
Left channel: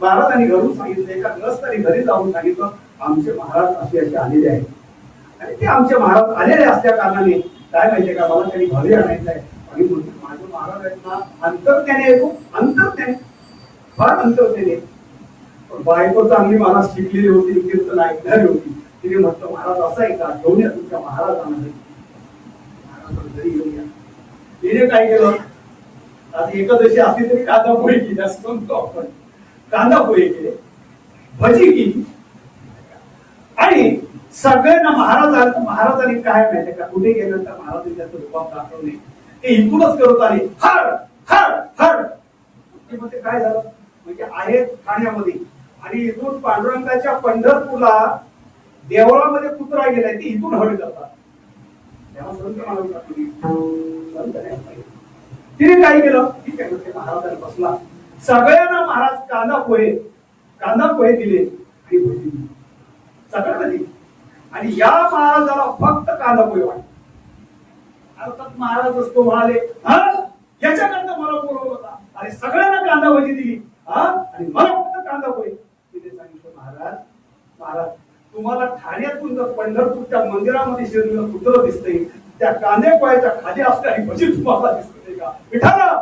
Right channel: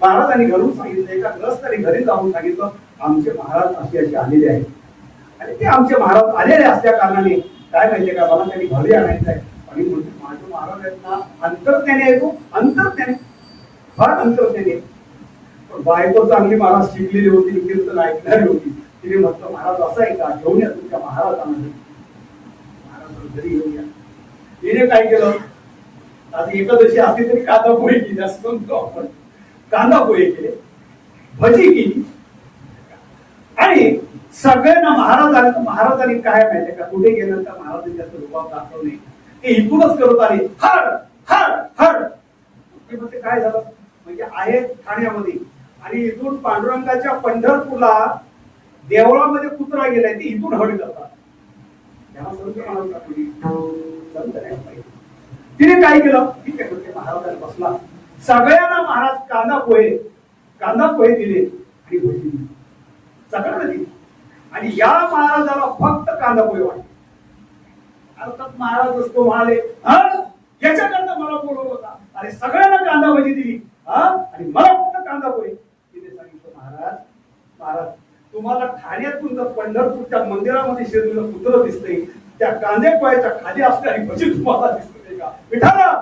महाराजांनी घरून सांगितलं, एका ग्रस्ताने घरी जाऊन सांगितलं आमचे महाराज असे असे आलेले आहेत. आणि ते आमचे महाराज आलेले असल्या कारणाने काय माहितीये का, मला त्यांनी घरी आणायचं आहे. आणि म्हणते माझे महाराज आहेत ना अंतर्ज्ञानी येतो, अंतर्ज्ञानी फार अंतर्ज्ञानी. बायको चांगली महाराज शिकलेली होती, कीर्तन ऐकणारी होती. तिने म्हटलं महाराज असं आहे का, घेऊन या तुमच्या महाराजांमध्ये. महाराज घरी घेऊन या. तिने काय केलं, आधी एकादशी असली तरी कांदा पोहे केली असं म्हणतो आपण. कांदा पोहे केले, भजी केली. आणि सगळ्यांना महाराजांनी काय माहितीये का, कुठे गेल्यानंतर महाराजांनी त्याचं रूपात दाखवले ते इथूनच करत आले हर हर हर. म्हणजे काय झालं, म्हणजे आहे ठाण्यामध्ये आणि इथून पांडुरंगाच्या पंढरपूरला देवळामध्ये कुत्रा गेलाय, ते इथून हड करतात. तेव्हा संत महाराज तिने काय केलं, ठीक आहे म्हणजे महाराजांना बसला, सगळ्यांना महाराज कांदा पोहे दिले आणि भजी दिली सगळ्यांना दिली. आणि या महाराजाला फक्त कांदा पोहे वाटत. अर्थात महाराज असतो म्हणाले याच्याकरता मला बोलवलं होता आणि सगळ्यांना कांदा भजी दिली आणि मला फक्त कांदा पोहे. तिने सांगितलं महाराज तुम्हाला ठाण्यातून जर पंढरपूरच्या मंदिरामध्ये शिरलेलं कुत्रं दिसतंय, त्या कांदे पोह्याच्या खाली असणारी भजी तुम्हाला दिसते का विठाला.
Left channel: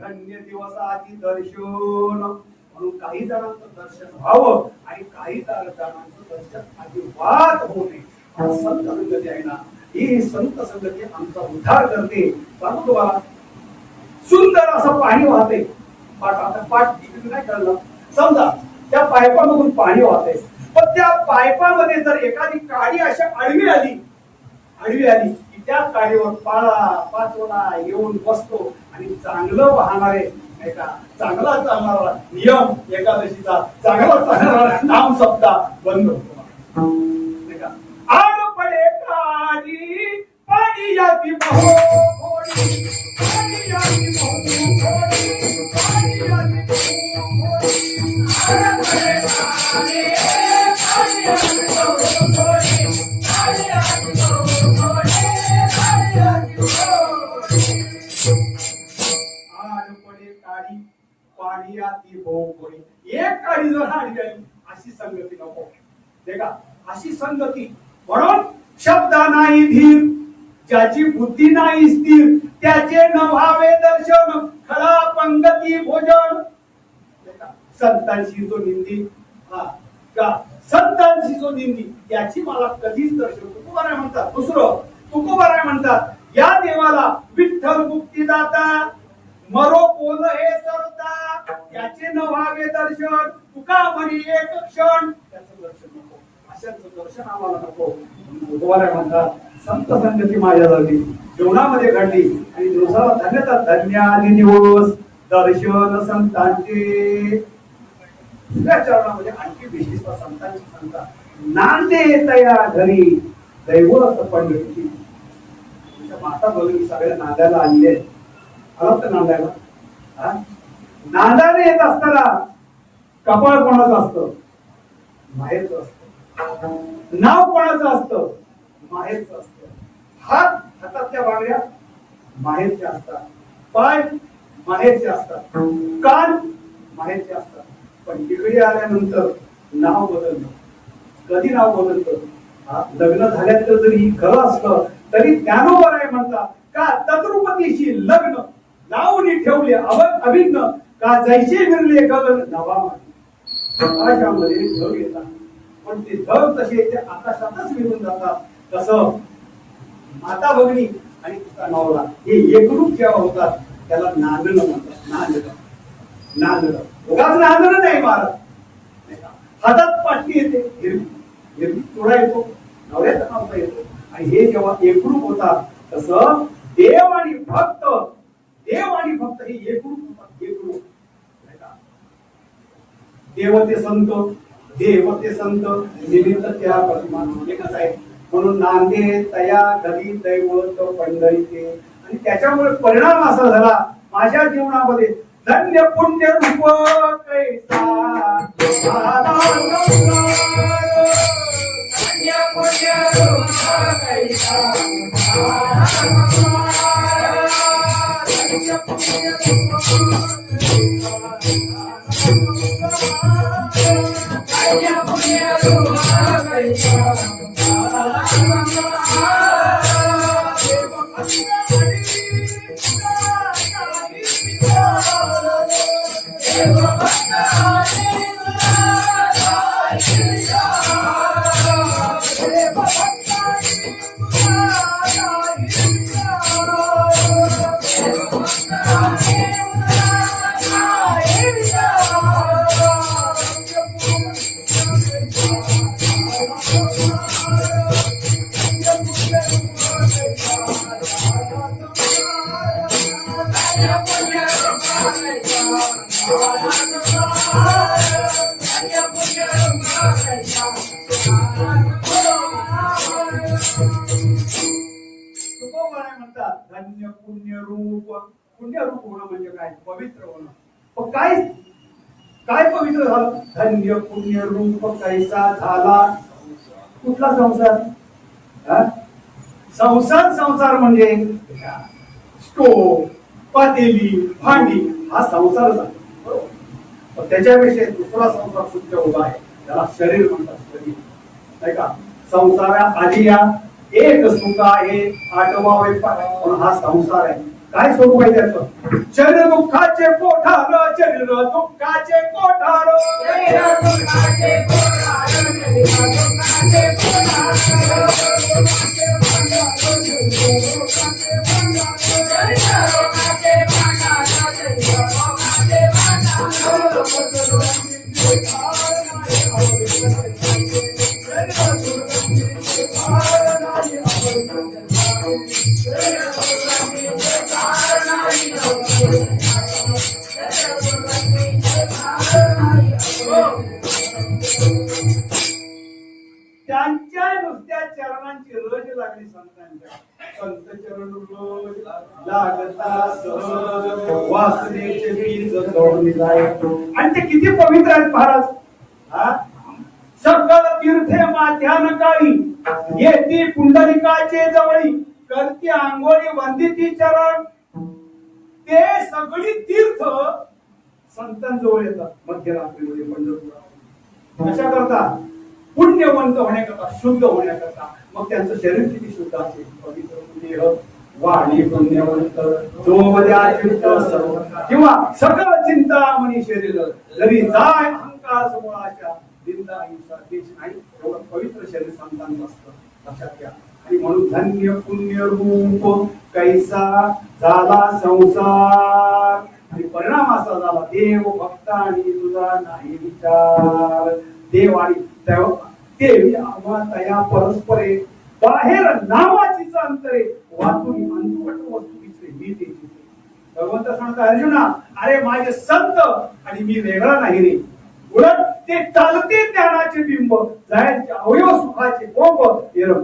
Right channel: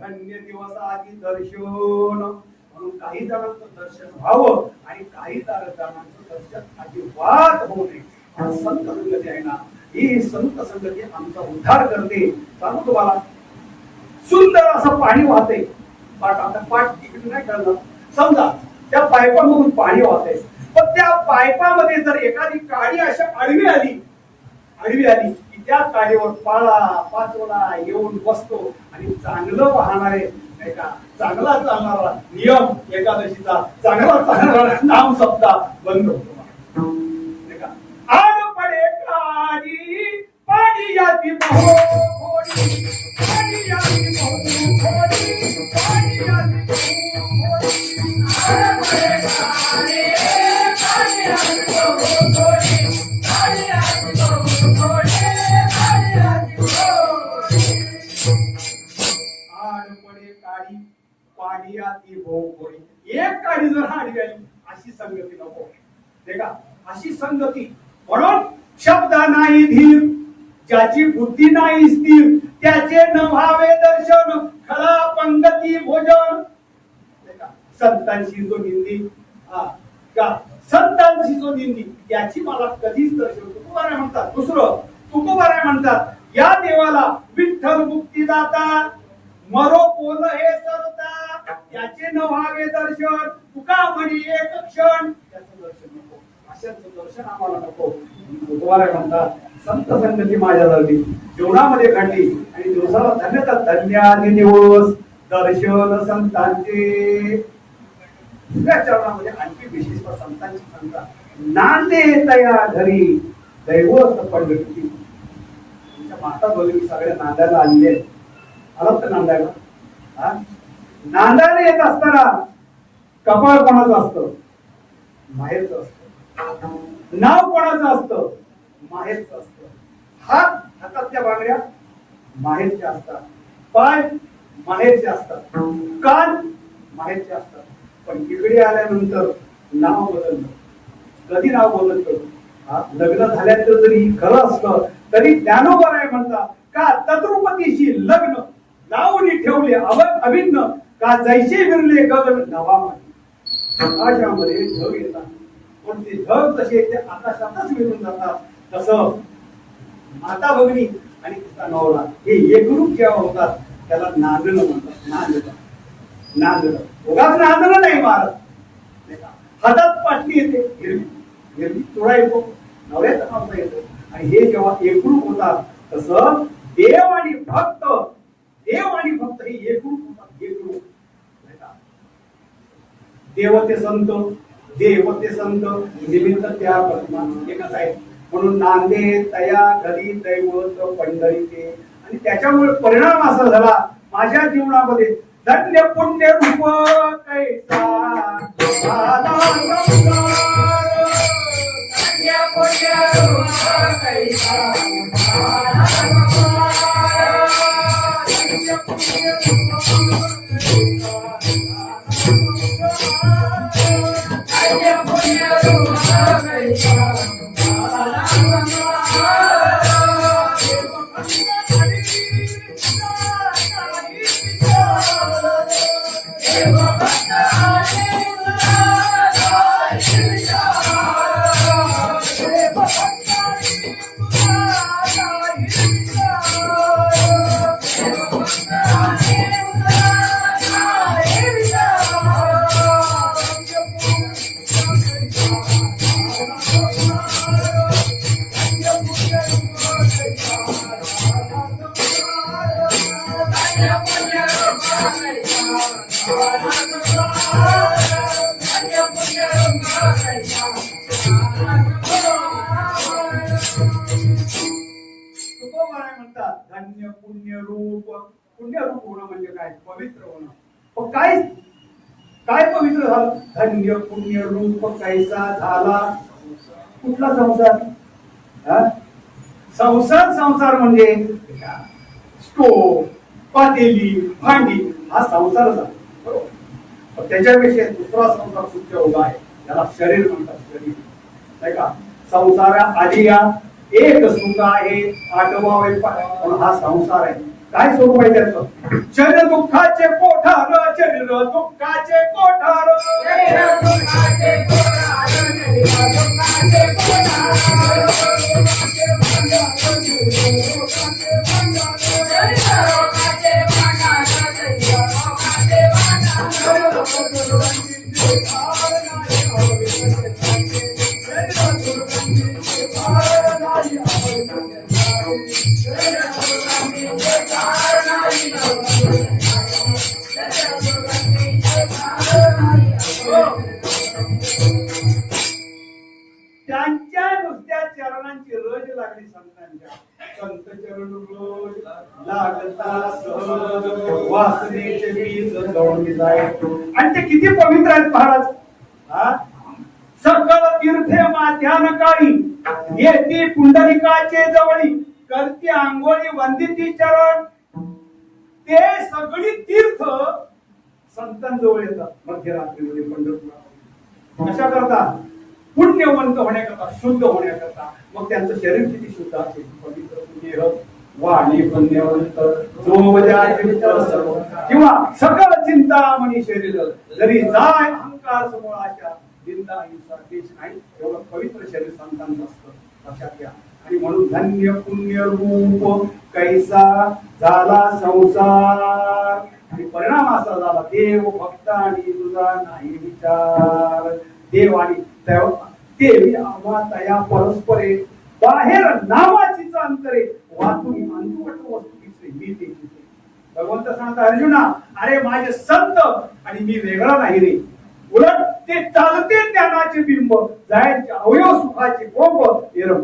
धन्य दिवसाची दर्शन म्हणून काही जणांचं दर्शन व्हावं आणि काही जणांचं दर्शन अजिबात होऊ नये. संत संगती आहे ना, ही संत संगती आमचा उद्धार करते. सांगू तुम्हाला, सुंदर असं पाणी वाहते, पाठ तिकडे नाही कळलं, समजा त्या पायपामधून पाणी वाहते, पण त्या पायपामध्ये जर एखादी काडी अशा आडवी आली की त्या काडीवर पाचोला येऊन बसतो आणि चांगलं वाहणारे नाही का, चांगला चालणारा नियम एकादशीचा चांगला चालणारा नाम सप्ता बंद होतो नाही का. आड पडे काडी पाणी याती एक काडी जर आडवी आली अशी संगती नको नाही का. अशी संगती म्हणून शब्द नाही धीर, ज्याची बुद्धी नाही स्थिर, त्याचे न व्हावे दर्शन, खळा पंगती भोजन. संतांशी जो निंदी संतांशी जो निंदी त्याची मला कधीच दर्शन. तुकोबाराय म्हणतात, दुसरं तुकोबाराय म्हणतात, या देवाला विठ्ठल मुक्ती दाता, मरो बोल हे सरता, त्याचे न व्हावे दर्शन, तुका म्हणी एक क्षण, त्याचं दर्शन नको. अशाचं दर्शन आम्हाला नको. तुकोबाराय म्हणतात, संत संगती माझ्या झाली जीवनामध्ये घडली आणि दिवसाला धन्यता धन्यादी दिवस दर्शन संतांचे. दुसऱ्या चरणामध्ये आणखी विशेष संतांची सांगतात, नांदे तया घरी दैवत पंढरी. माता भगिनी सगळ्या नांदायला आलेले आहेत. आलात तर नांदायला, नांदायला येत असताना कपाळ कोणाचं असतं, माहेरचं असतं. नाव कोणाचं असतं, माहेरचं असतं. हातातल्या बांगड्या माहेरच्या असतात, पाय माहेरचे असतात, कान माहेरचे असतात. पण इकडे आल्यानंतर नाव बदललं. कधी नाव बदलतं, लग्न झाल्याचं जरी खरं असलं तरी ज्ञानोबाराय म्हणतात का तद्रुपतीशी लग्न लावून ठेवले अभिन्न, का जैसे विरले गगन नवामध्ये. आकाशामध्ये ढग येतात पण ते ढग तसे ते आकाशातच विरून जातात. तसं माता भगिनी आणि तिचा नवरा हे एकरूप जेव्हा होतात त्याला नांदणं म्हणतात. नांदणं उगाच नांदणं नाही महाराज. हातात पाटली येते, हिरवी हिरवी चुडा येतो, नवऱ्याचा मावसा येतो, आणि हे जेव्हा एकरूप होतात तसं देव आणि भक्त हे एकरूप होतात. एकरूप देव ते संत निमित्त त्या प्रतिमा एकच आहे. म्हणून नांदे तया घरी दैवत पंढरीचे. आणि त्याच्यामुळे परिणाम असा झाला माझ्या जीवनामध्ये धन्य पुण्य रूप कैसा म्हणतात धन्य पुण्यरूप. पुण्यरूप होणं म्हणजे काय? पवित्र होणं. काय पवित्र झालं? धन्य पुण्यरूप कैसा झाला. कुठला संसार? संसार म्हणजे स्टोव, पातेली, भांडी हा संसार झाला. बरोबर. त्याच्यापेक्षा दुसरा संसार सुद्धा उभा आहे, त्याला शरीर म्हणतात. शरीर नाही का? संसारा आधी या एक सुख आहे आठवावे हा संसार आहे. काय स्वरूप आहे त्याचं? शरीर दुःखाचे कोठार, शरीर दुःखाचे कोठार, त्यांच्या नुसत्या चरणांची रज लागली. संतांच्या संत चरण रोज लागता सहज वासनेचे बीज दौडली जाय. आणि ते किती पवित्र आहेत महाराज. सकळ तीर्थे माध्यान काळी येती पुंडलिकाचे जवळी, करती आंघोळी वंदिती चरण. ते सगळी तीर्थ संतांजवळ येतात मध्यरात्रीमध्ये पंढरपूर. कशा करता? पुण्यवंत होण्याकरता, शुद्ध होण्याकरता. मग त्यांचं शरीर किती शुद्ध असेल? पवित्र पुण्य वाणी पुण्यवंत सर्व किंवा सकल चिंतामणी शरीर जरी जाय अहंकार समोराच्या निंदा हिंसा देश नाही. एवढं पवित्र शरीर संतांचं असतं, लक्षात घ्या. आणि म्हणून धन्य पुण्य रूप कैसा झाला संसार. आणि परिणाम असा झाला देव भक्त आणि तुझा नाही विचार. देव आणि देवी आम्हा तया परस्परे बाहेर नावाचीच अंतरे वाचून अंतवट वस्तू दिसते मी ते. भगवंत सांगता अर्जुना, अरे माझे संत आणि मी वेगळा नाही रे. उलट ते चालते ज्ञानाचे बिंब, जायचे अवयव सुखाचे कोंब,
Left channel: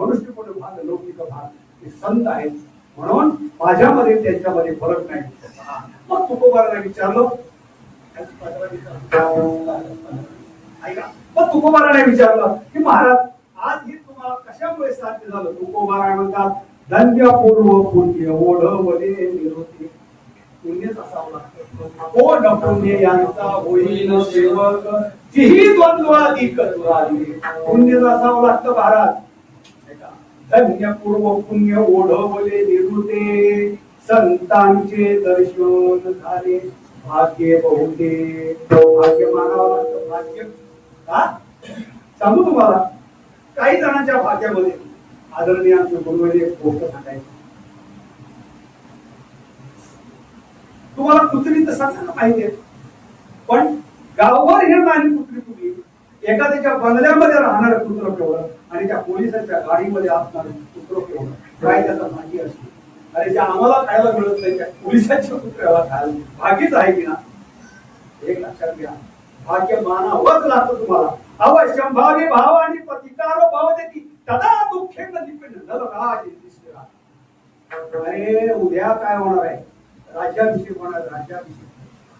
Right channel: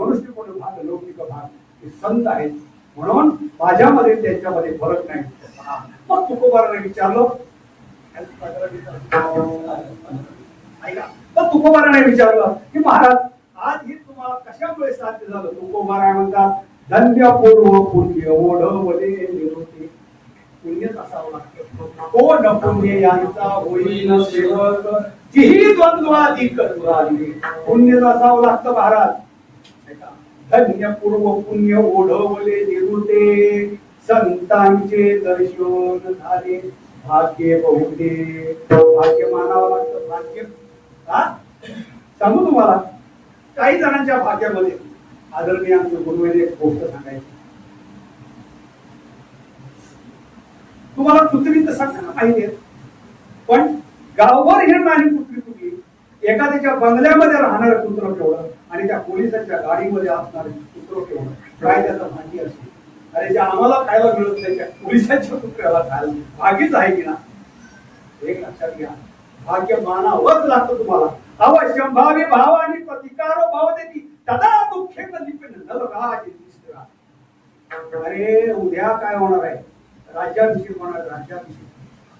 मनुष्य कोण भाग लौकिक भाग. हे संत आहेत म्हणून माझ्यामध्ये त्यांच्यामध्ये फरक नाही. मग तुकोबाराने विचारलं, मग तुकोबाराने विचारलं की महाराज आज हे तुम्हाला कशामुळे साध्य झालं? तुकोबारा म्हणतात धन्य पूर्व पुण्य ओढवले निवृत्ती. पुण्यच असावं लागतं. ओढ पुण्य यांचा होईन सेवक, जिही द्वंद्वाधिक दुराधी. पुण्यच असावं लागतं महाराज. धन्य पूर्व पुण्य ओढवले निवृत्ते, संतांचे दर्शन झाले भाग्य बहुते. भाग्य मानावं लागतं. भाग्य सांगू तुम्हाला, काही जणांच्या भाग्यामध्ये आदरणीय गुरुवेदी एक गोष्ट सांगायची. तुम्हाला कुत्री तर सांगा माहितीये, पण गावभर हिंडणारी कुत्री कुठली? एखाद्याच्या बंगल्यामध्ये राहणार कुत्र केवढं, आणि त्या पोलिसांच्या गाडीमध्ये असणार कुत्र डोके होणं काय त्याचा भागी असते. अरे जे आम्हाला खायला मिळत नाही त्या पोलिसांच्या कुत्र्याला खायला भागीच आहे की ना. एक लक्षात घ्या, भाग्य मानावंच लागतं तुम्हाला. अवश्यम भावी भावानी प्रतिकारो भवती तदा दुःखे न लिपिन नरराज तिसरा. अरे उद्या काय होणार आहे, राज्याभिषेक होणार, राज्याभिषेक.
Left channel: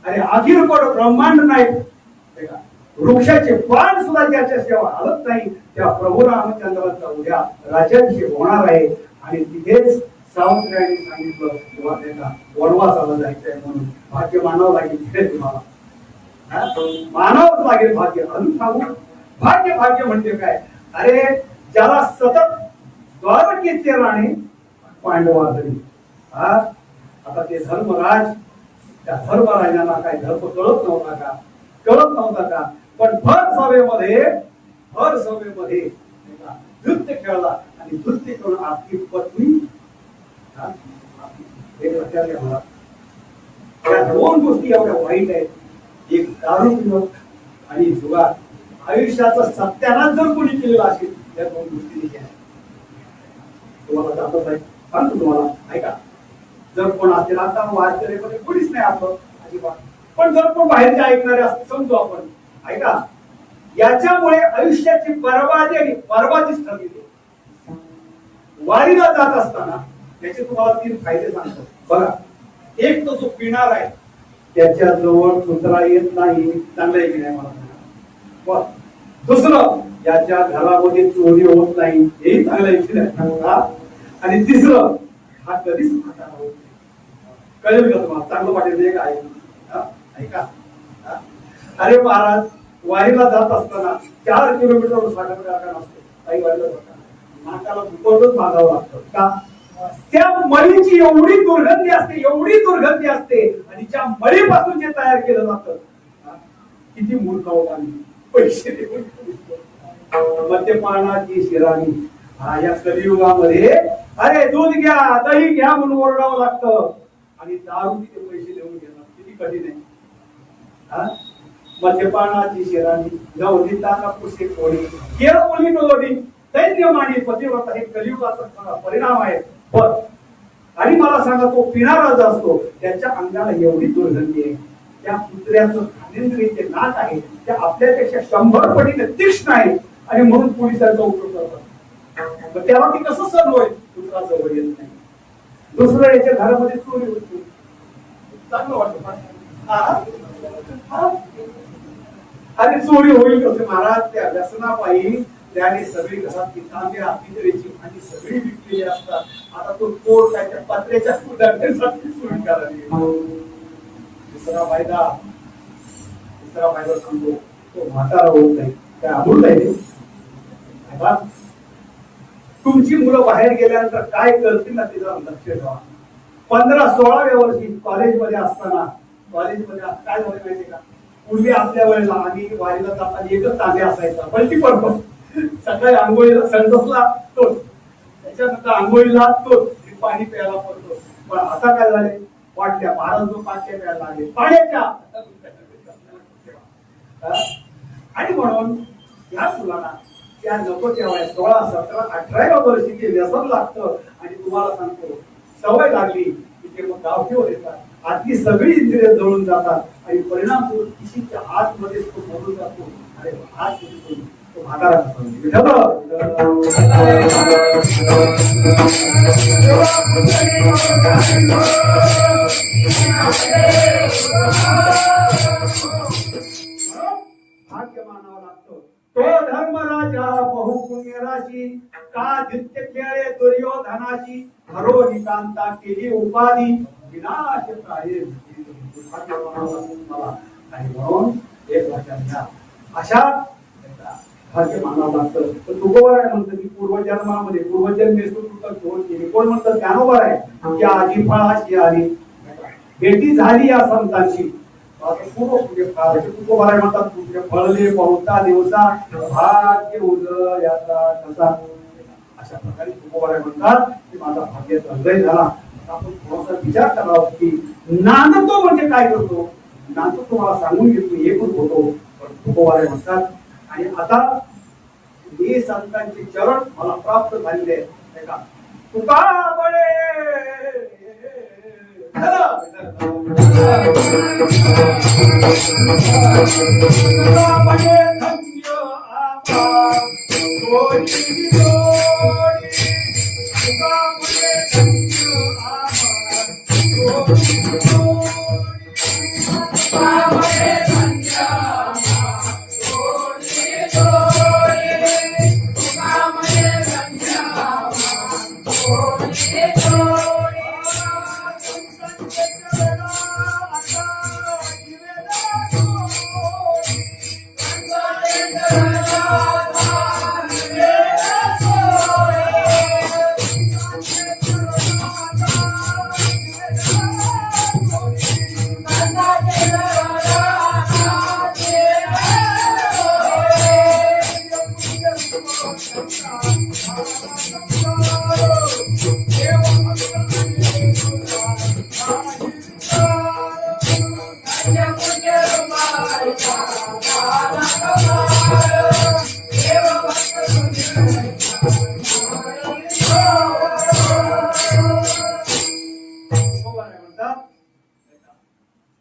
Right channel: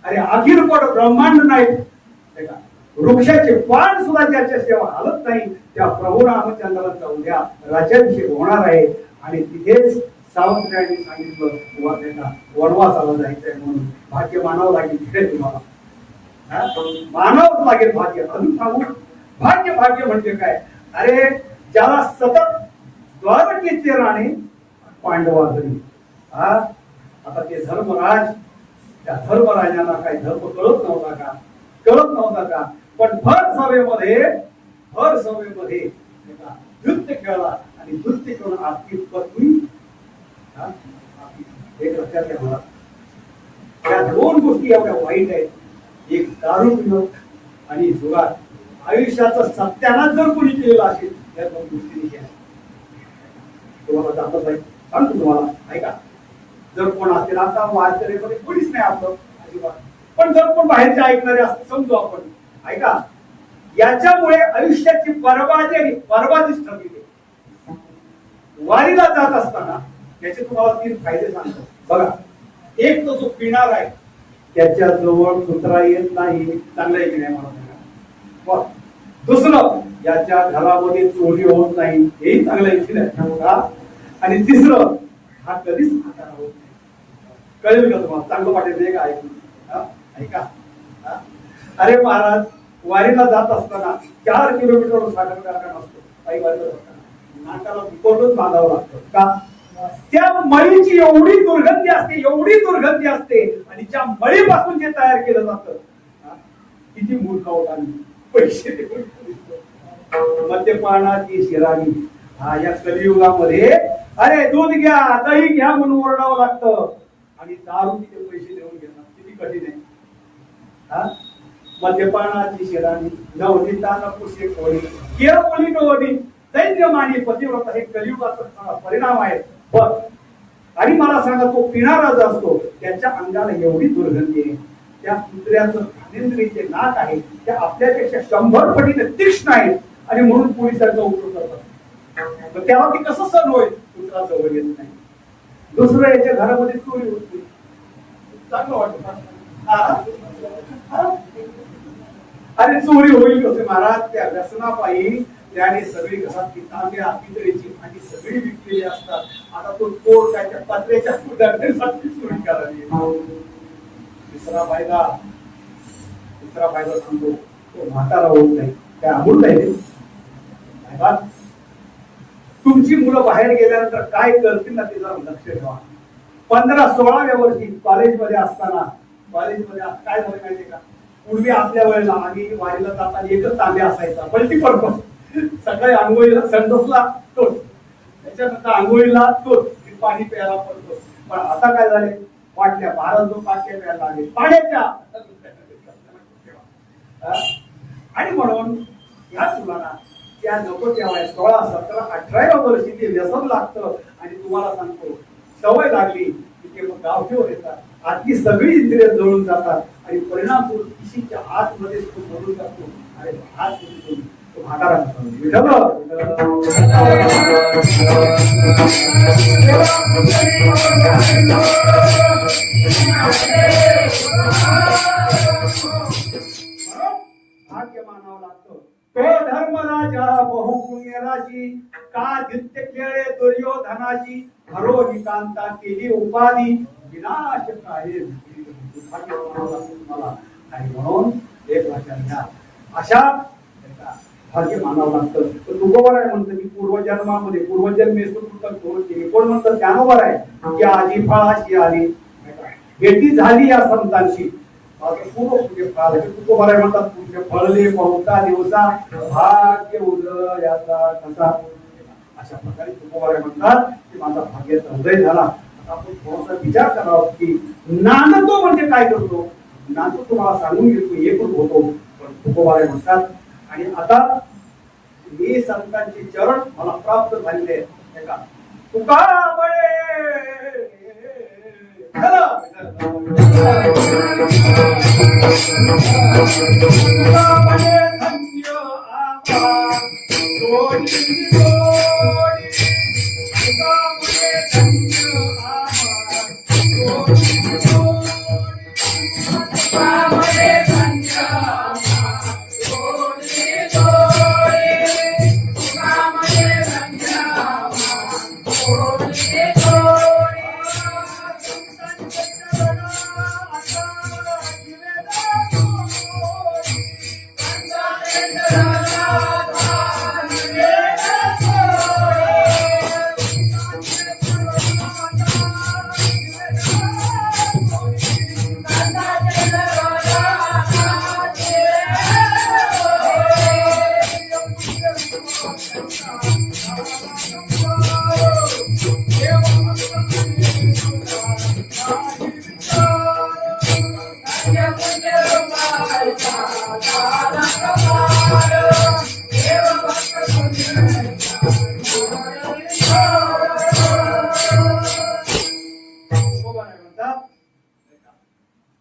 अरे अखिल कोट ब्रह्मांड नाही, वृक्षाचे पान सुद्धा ज्याच्या सेवा हलत नाही त्या प्रभू रामचंद्रांचा उद्या राज्याभिषेक होणार आहे. आणि तिथेच सावंतरायांनी सांगितलं तुला त्याला वनवासाला जायचंय म्हणून भाग्य मानावं लागेल. तिथे तुम्हाला मानावंच लागेल भाग्य. अजून सांगू भाग्य, भाग्य म्हणजे काय. अरे ज्याला सतत द्वारकेचे राणे पांडवांनी आता ते धर्मराज, त्या धर्मराजांना काय धर्म कळत नव्हता का, कळत नव्हता का. पण भर सभेमध्ये नृत्य खेळला आणि नृत्य खेळून आपली पत्नी एक लक्षात घ्या मला. या दोन गोष्टी एवढ्या वाईट आहेत, एक दारू पिणं आणि जुगार. आयुष्याचा सत्यानाश जर कोणी केलेला असेल या दोन गोष्टी केल्या तुम्हाला जातच आहे. सांगतो तुम्हाला ऐका, जर कोण असतील आता वारकरीमध्ये कोणीच नाही आपलं अजिबात, पण जर कोण बाहेरचे ऐकणारे असते समजू आपण, ऐका याच्यामुळे आयुष्याची बरबादी आणि बरबादीच ठरली. वारीला जात असताना याचे तुम्हाला 3 फायदे सांगतो बघा. एक तो जो पिणार आहे त्याच्या जवळ कुत्रा येत नाही, चांगलं आहे की नाही मला सांगा. दुसरं याच्या घरामध्ये चोरी होत नाही, हेही चांगलं आहे की नाही. आणि तिसरं हा कधीच म्हातारा होत नाही. कळेल का तुम्हाला, चांगलं वाटेल का ऐका. अरे महाराज वारीला जात असताना 4 किलोमीटर साखर कारखाना असतो, काही वारीला जाताना नाकाला मुकोटच बांधावं लागतं का. त्या मळीची एवढी दुर्गंधी असते, एवढी दुर्गंधी असते, आणि त्या मळीपासून जे तयार केलं जातं, किती मूर्ख होत आम्ही पैसे देऊन. मद्यपानाची शिराणी या कलियुगामध्ये अरे दूध घ्या दही घ्या म्हणून ओरडावं लागतं आणि दारू किती पैसे देऊन घेणं किती कठीण आहे. मद्यपानाची शिराणी नवनीताना पुसे कोणी केरळी नवनी दैन्यमानी पतिव्रता हे कलियुगाचा परिणाम आहे. पण आणि मला सांगा तो पिणारा जो असतो त्याच्या अंगाला एवढी दुर्गंधी आहे, त्या कुत्र्याचं घाणेंद्रिय नाक आहे त्या आपल्यापेक्षा 100 पटीने तीक्ष्ण आहे आणि म्हणून पोलिसांचा उपयोग करतात. त्याला ती कसं सण होईल, कुत्रा जवळ येत नाही. दुसरं याच्या घरामध्ये चोरी होती, चांगलं वाटतं. अरे चोरी होईल कसे महाराज, त्या व्यसनापायी त्याने सगळी घरात तांब्या पितळेची आणि सगळी विकलेली असतात. आता तो तोड काय त्या पत्र्याच्या सुधारण्यासाठी चोरी करायला. दुसरा फायदा सांगतो, तो म्हातारा होत नाही. काय अमूल आहे तुमची मुलं बाहेर गेल्यानंतर काय करतील ना ते जरा लक्ष ठेवा. 15-16व्या वर्षी कॉलेजमध्ये असताना, कॉलेजमध्ये काय झालं माहितीये का, पूर्वी आपल्या वेळेला आम्ही वारीला जाताना एकच तांब्या असायचा, पलटी पडतो. सकाळी आंघोळीला संडोसला तोच, त्याच्यानंतर आंघोळीला तोच, पाणी प्यायला पडतो. पण आता काय झाले, वाटल्या 12 पाट्या प्यायला लागले पाण्याच्या. आणि म्हणून या मुलांना त्या नको तेव्हा 16, 17, 18व्या वर्षी ते व्यसन लागतं. आणि तुम्हाला सांगतो सवय लागली की ते मग गावठीवर येतात, आतली सगळी इंद्रिय जळून जातात आणि परिणाम किशीच्या आतमध्ये तो मरून जातो. आणि हात तो म्हातारा भाग्य मानावं लागतं. तो धर्मराजा बहुपुण्य राशी का नित्य खेळे दुर्योधनाची हरो निकांता केली उपाधी विनाश आहे. मला आणि म्हणून एक लक्षात घ्या, अशा भाग्य मानावं लागतं. तर तुकोबाराय म्हणतं की पूर्वजन्मामध्ये पूर्वजन्मे केली. कोण म्हणतं ज्ञानोबा आहे की आजी फळाशी आली भेटी झाली या संतांशी. तुकोबाराय म्हणतात फळले बहुता दिवसा भाग्य उदय याचा कसा. अशा प्रकारे तुकोबाराय म्हणतात की माझा भाग्याचा उदय झाला. आपण थोडासा विचार करावा की नांदतो म्हणजे काय करतो. नांदतो तुम्हाला सांगून घेतो एकच होतो. पण तुकोबाराय म्हणतात आणि आता हे संतांचे चरण मला प्राप्त झालेले आहेत. तुका बळे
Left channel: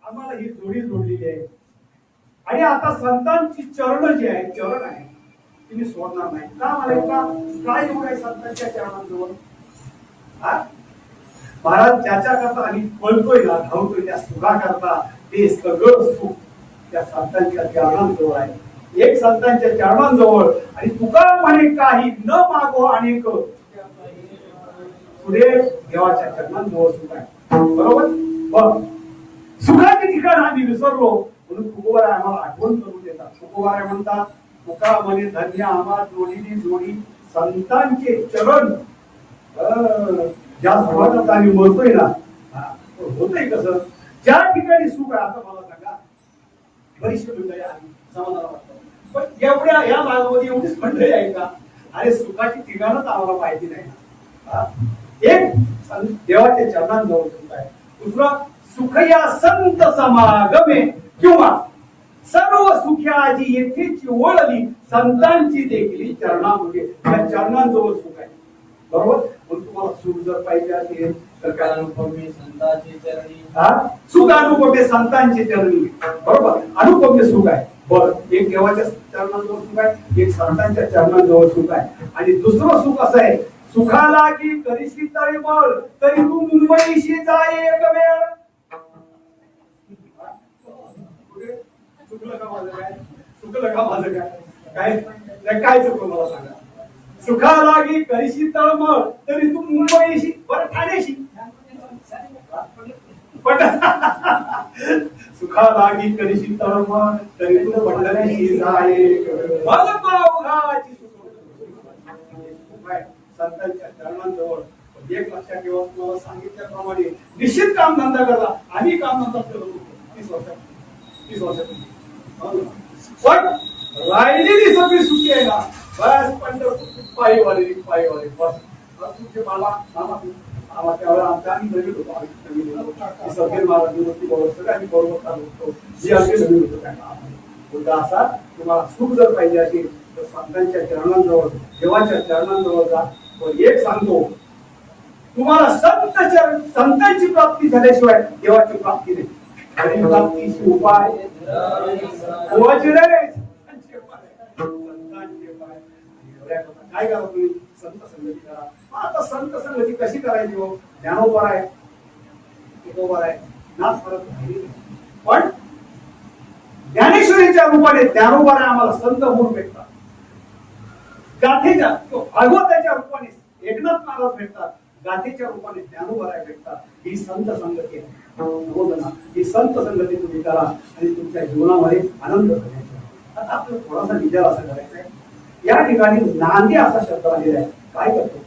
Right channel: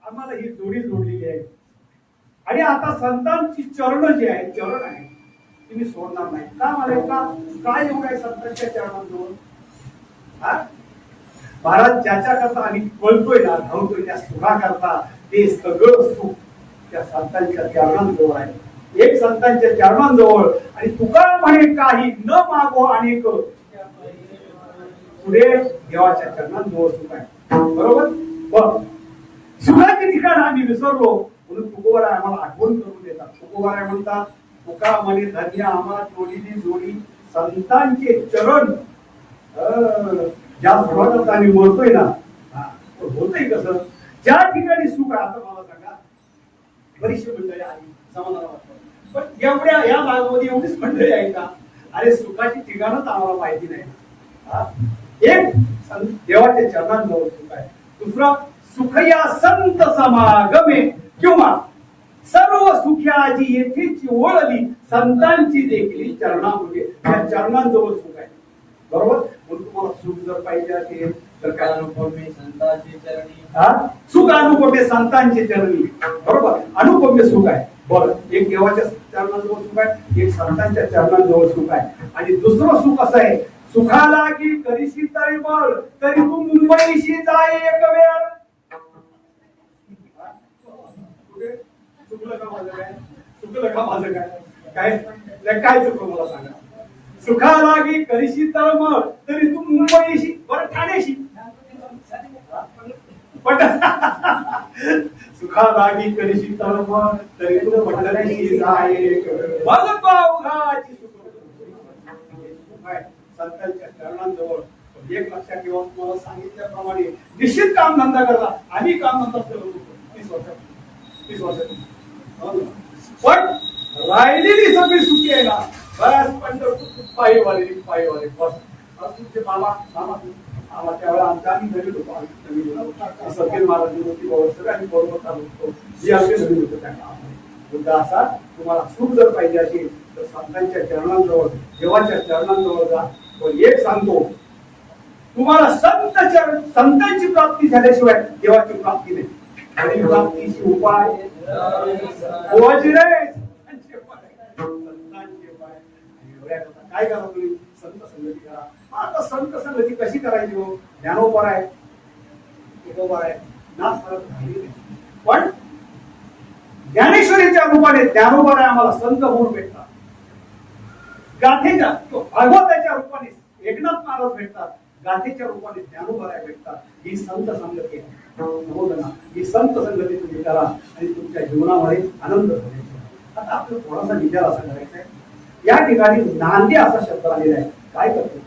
आम्हाला ही जोडी जोडलेली आहे आणि आता संतांची चरण जी आहे चरण आहे तुम्ही सोडणार नाही का मला का काय एवढं आहे संतांच्या चरणांजवळ महाराज ज्याच्या करता आणि पळतोय ना धावतोय त्या सुखा करता ते सगळं सुख त्या संतांच्या चरणांजवळ आहे एक संतांच्या चरणांजवळ आणि तुका म्हणे काही न मागो अनेक पुढे देवाच्या चरणांजवळ सुख आहे बरोबर बघ सुखाचे ठिकाण आम्ही विसरलो म्हणून तुकोबाराय आम्हाला आठवण करून देतात तुकोबाराय म्हणतात तुका म्हणे धन्य आम्हा जोडीली जोडी संतांचे चरण ज्या समाजात आम्ही म्हणतोय ना होतंय कसं ज्या ठिकाणी सुख आहे आता मला सांगा बरीचशी मंडळी आली समाजाला वाटतं पण एवढ्या या भागामध्ये एवढीच मंडळी आहे का अरे सुखाची ठिकाणच आम्हाला माहिती नाही ना एक देवाच्या चरणांजवळ सुख आहे दुसरा सुख या संत समागमे किंवा सर्व सुख्याची येथेची ओळली संतांची देखील चरणामध्ये त्या चरणांजवळ सुख आहे बरोबर म्हणून तुम्हाला सुख जर पाहिजे असेल तर काय अनुपमे संतांचे चरणी सुख अनुपमे संतांचे चरणी बरोबर अनुपमे सुख आहे बरं एक देवाच्या चरणांजवळ सुख आहे एक संतांच्या चरणांजवळ सुख आहे आणि दुसरं सुख असं आहे सुखाला की करीशी तळमळ तरी तू मुंबईशी जाय एक वेळ चुकलं का माझं काय चुकलं का माझं काय काय चुकलं मला सांगा सुखाला की करीशी तळमळ तरी तू मुंबईशी बरं ठाण्याशी पण सुखाला की करीशी तळमळ तरी तू पंढरीशी जाय मग पावघाची सुख आहे संतांच्या चरणांजवळ एक लक्षात ठेवा तुम्हाला सांगितल्याप्रमाणे निश्चित काम धंदा करता आम्ही काम धंदा करतो 30 वर्षात पण राहिलेली सगळी सुखी आहे ना बऱ्याच पंढरपूर पायीवाले बस तुमचे मामा त्यावेळेला आमच्या आम्ही नवीन होतो आम्ही नवीन होतो सगळे महाराज होती सगळ्यांनी बरोबर चालू जे आम्ही नवीन होतो त्यांना असा तुम्हाला सुख जर पाहिजे असेल तर संतांच्या चरणांजवळ देवाच्या चरणांजवळ जा एक सांगतो तुम्हाला संतांची प्राप्ती झाल्याशिवाय देवाची प्राप्ती नाही प्राप्तीची उपाय काय करा तुम्ही संत संगती करा आता संत संगती कशी करायची हो ज्ञानोबर आहे तुकोबर आहे नाच करत पण ज्ञानेश्वरीच्या रूपाने ज्ञानोबर आहे आम्हाला संत होऊन भेटतात गाथेच्या भागवताच्या रूपाने एकनाथ महाराज भेटतात गाथेच्या रूपाने ज्ञानोबराय भेटतात ही संत संगती आहे ही संत संगती तुम्ही करा आणि तुमच्या जीवनामध्ये आनंद करायचा आता आपलं थोडासा विचार असा करायचा आहे या ठिकाणी नांदी असा शब्द आलेला आहे काय करतो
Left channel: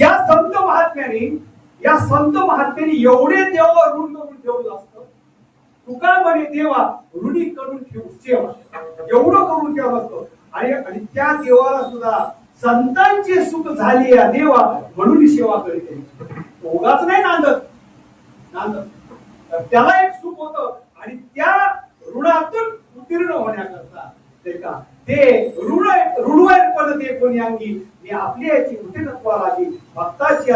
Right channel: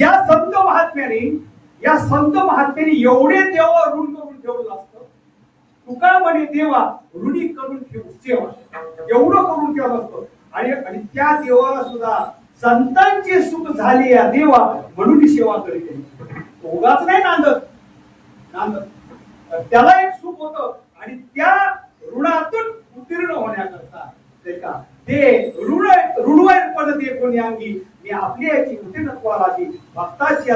या संत महात्म्याने एवढे देवा ऋण करून ठेवलं असतं तुका म्हणे देवा ऋणी करून ठेवू सेवा एवढं करून ठेवलं असतं आणि त्या देवाला सुद्धा संतांची सुख झाली या देवा म्हणून सेवा करीत उगाच नाही नांदत त्याला एक सुख होतं आणि त्या ऋणातून उत्तीर्ण होण्याकरता ते ऋणवायपण ते कोणी अंगी मी आपली याची उत्तीर्णत्वाला भक्ताची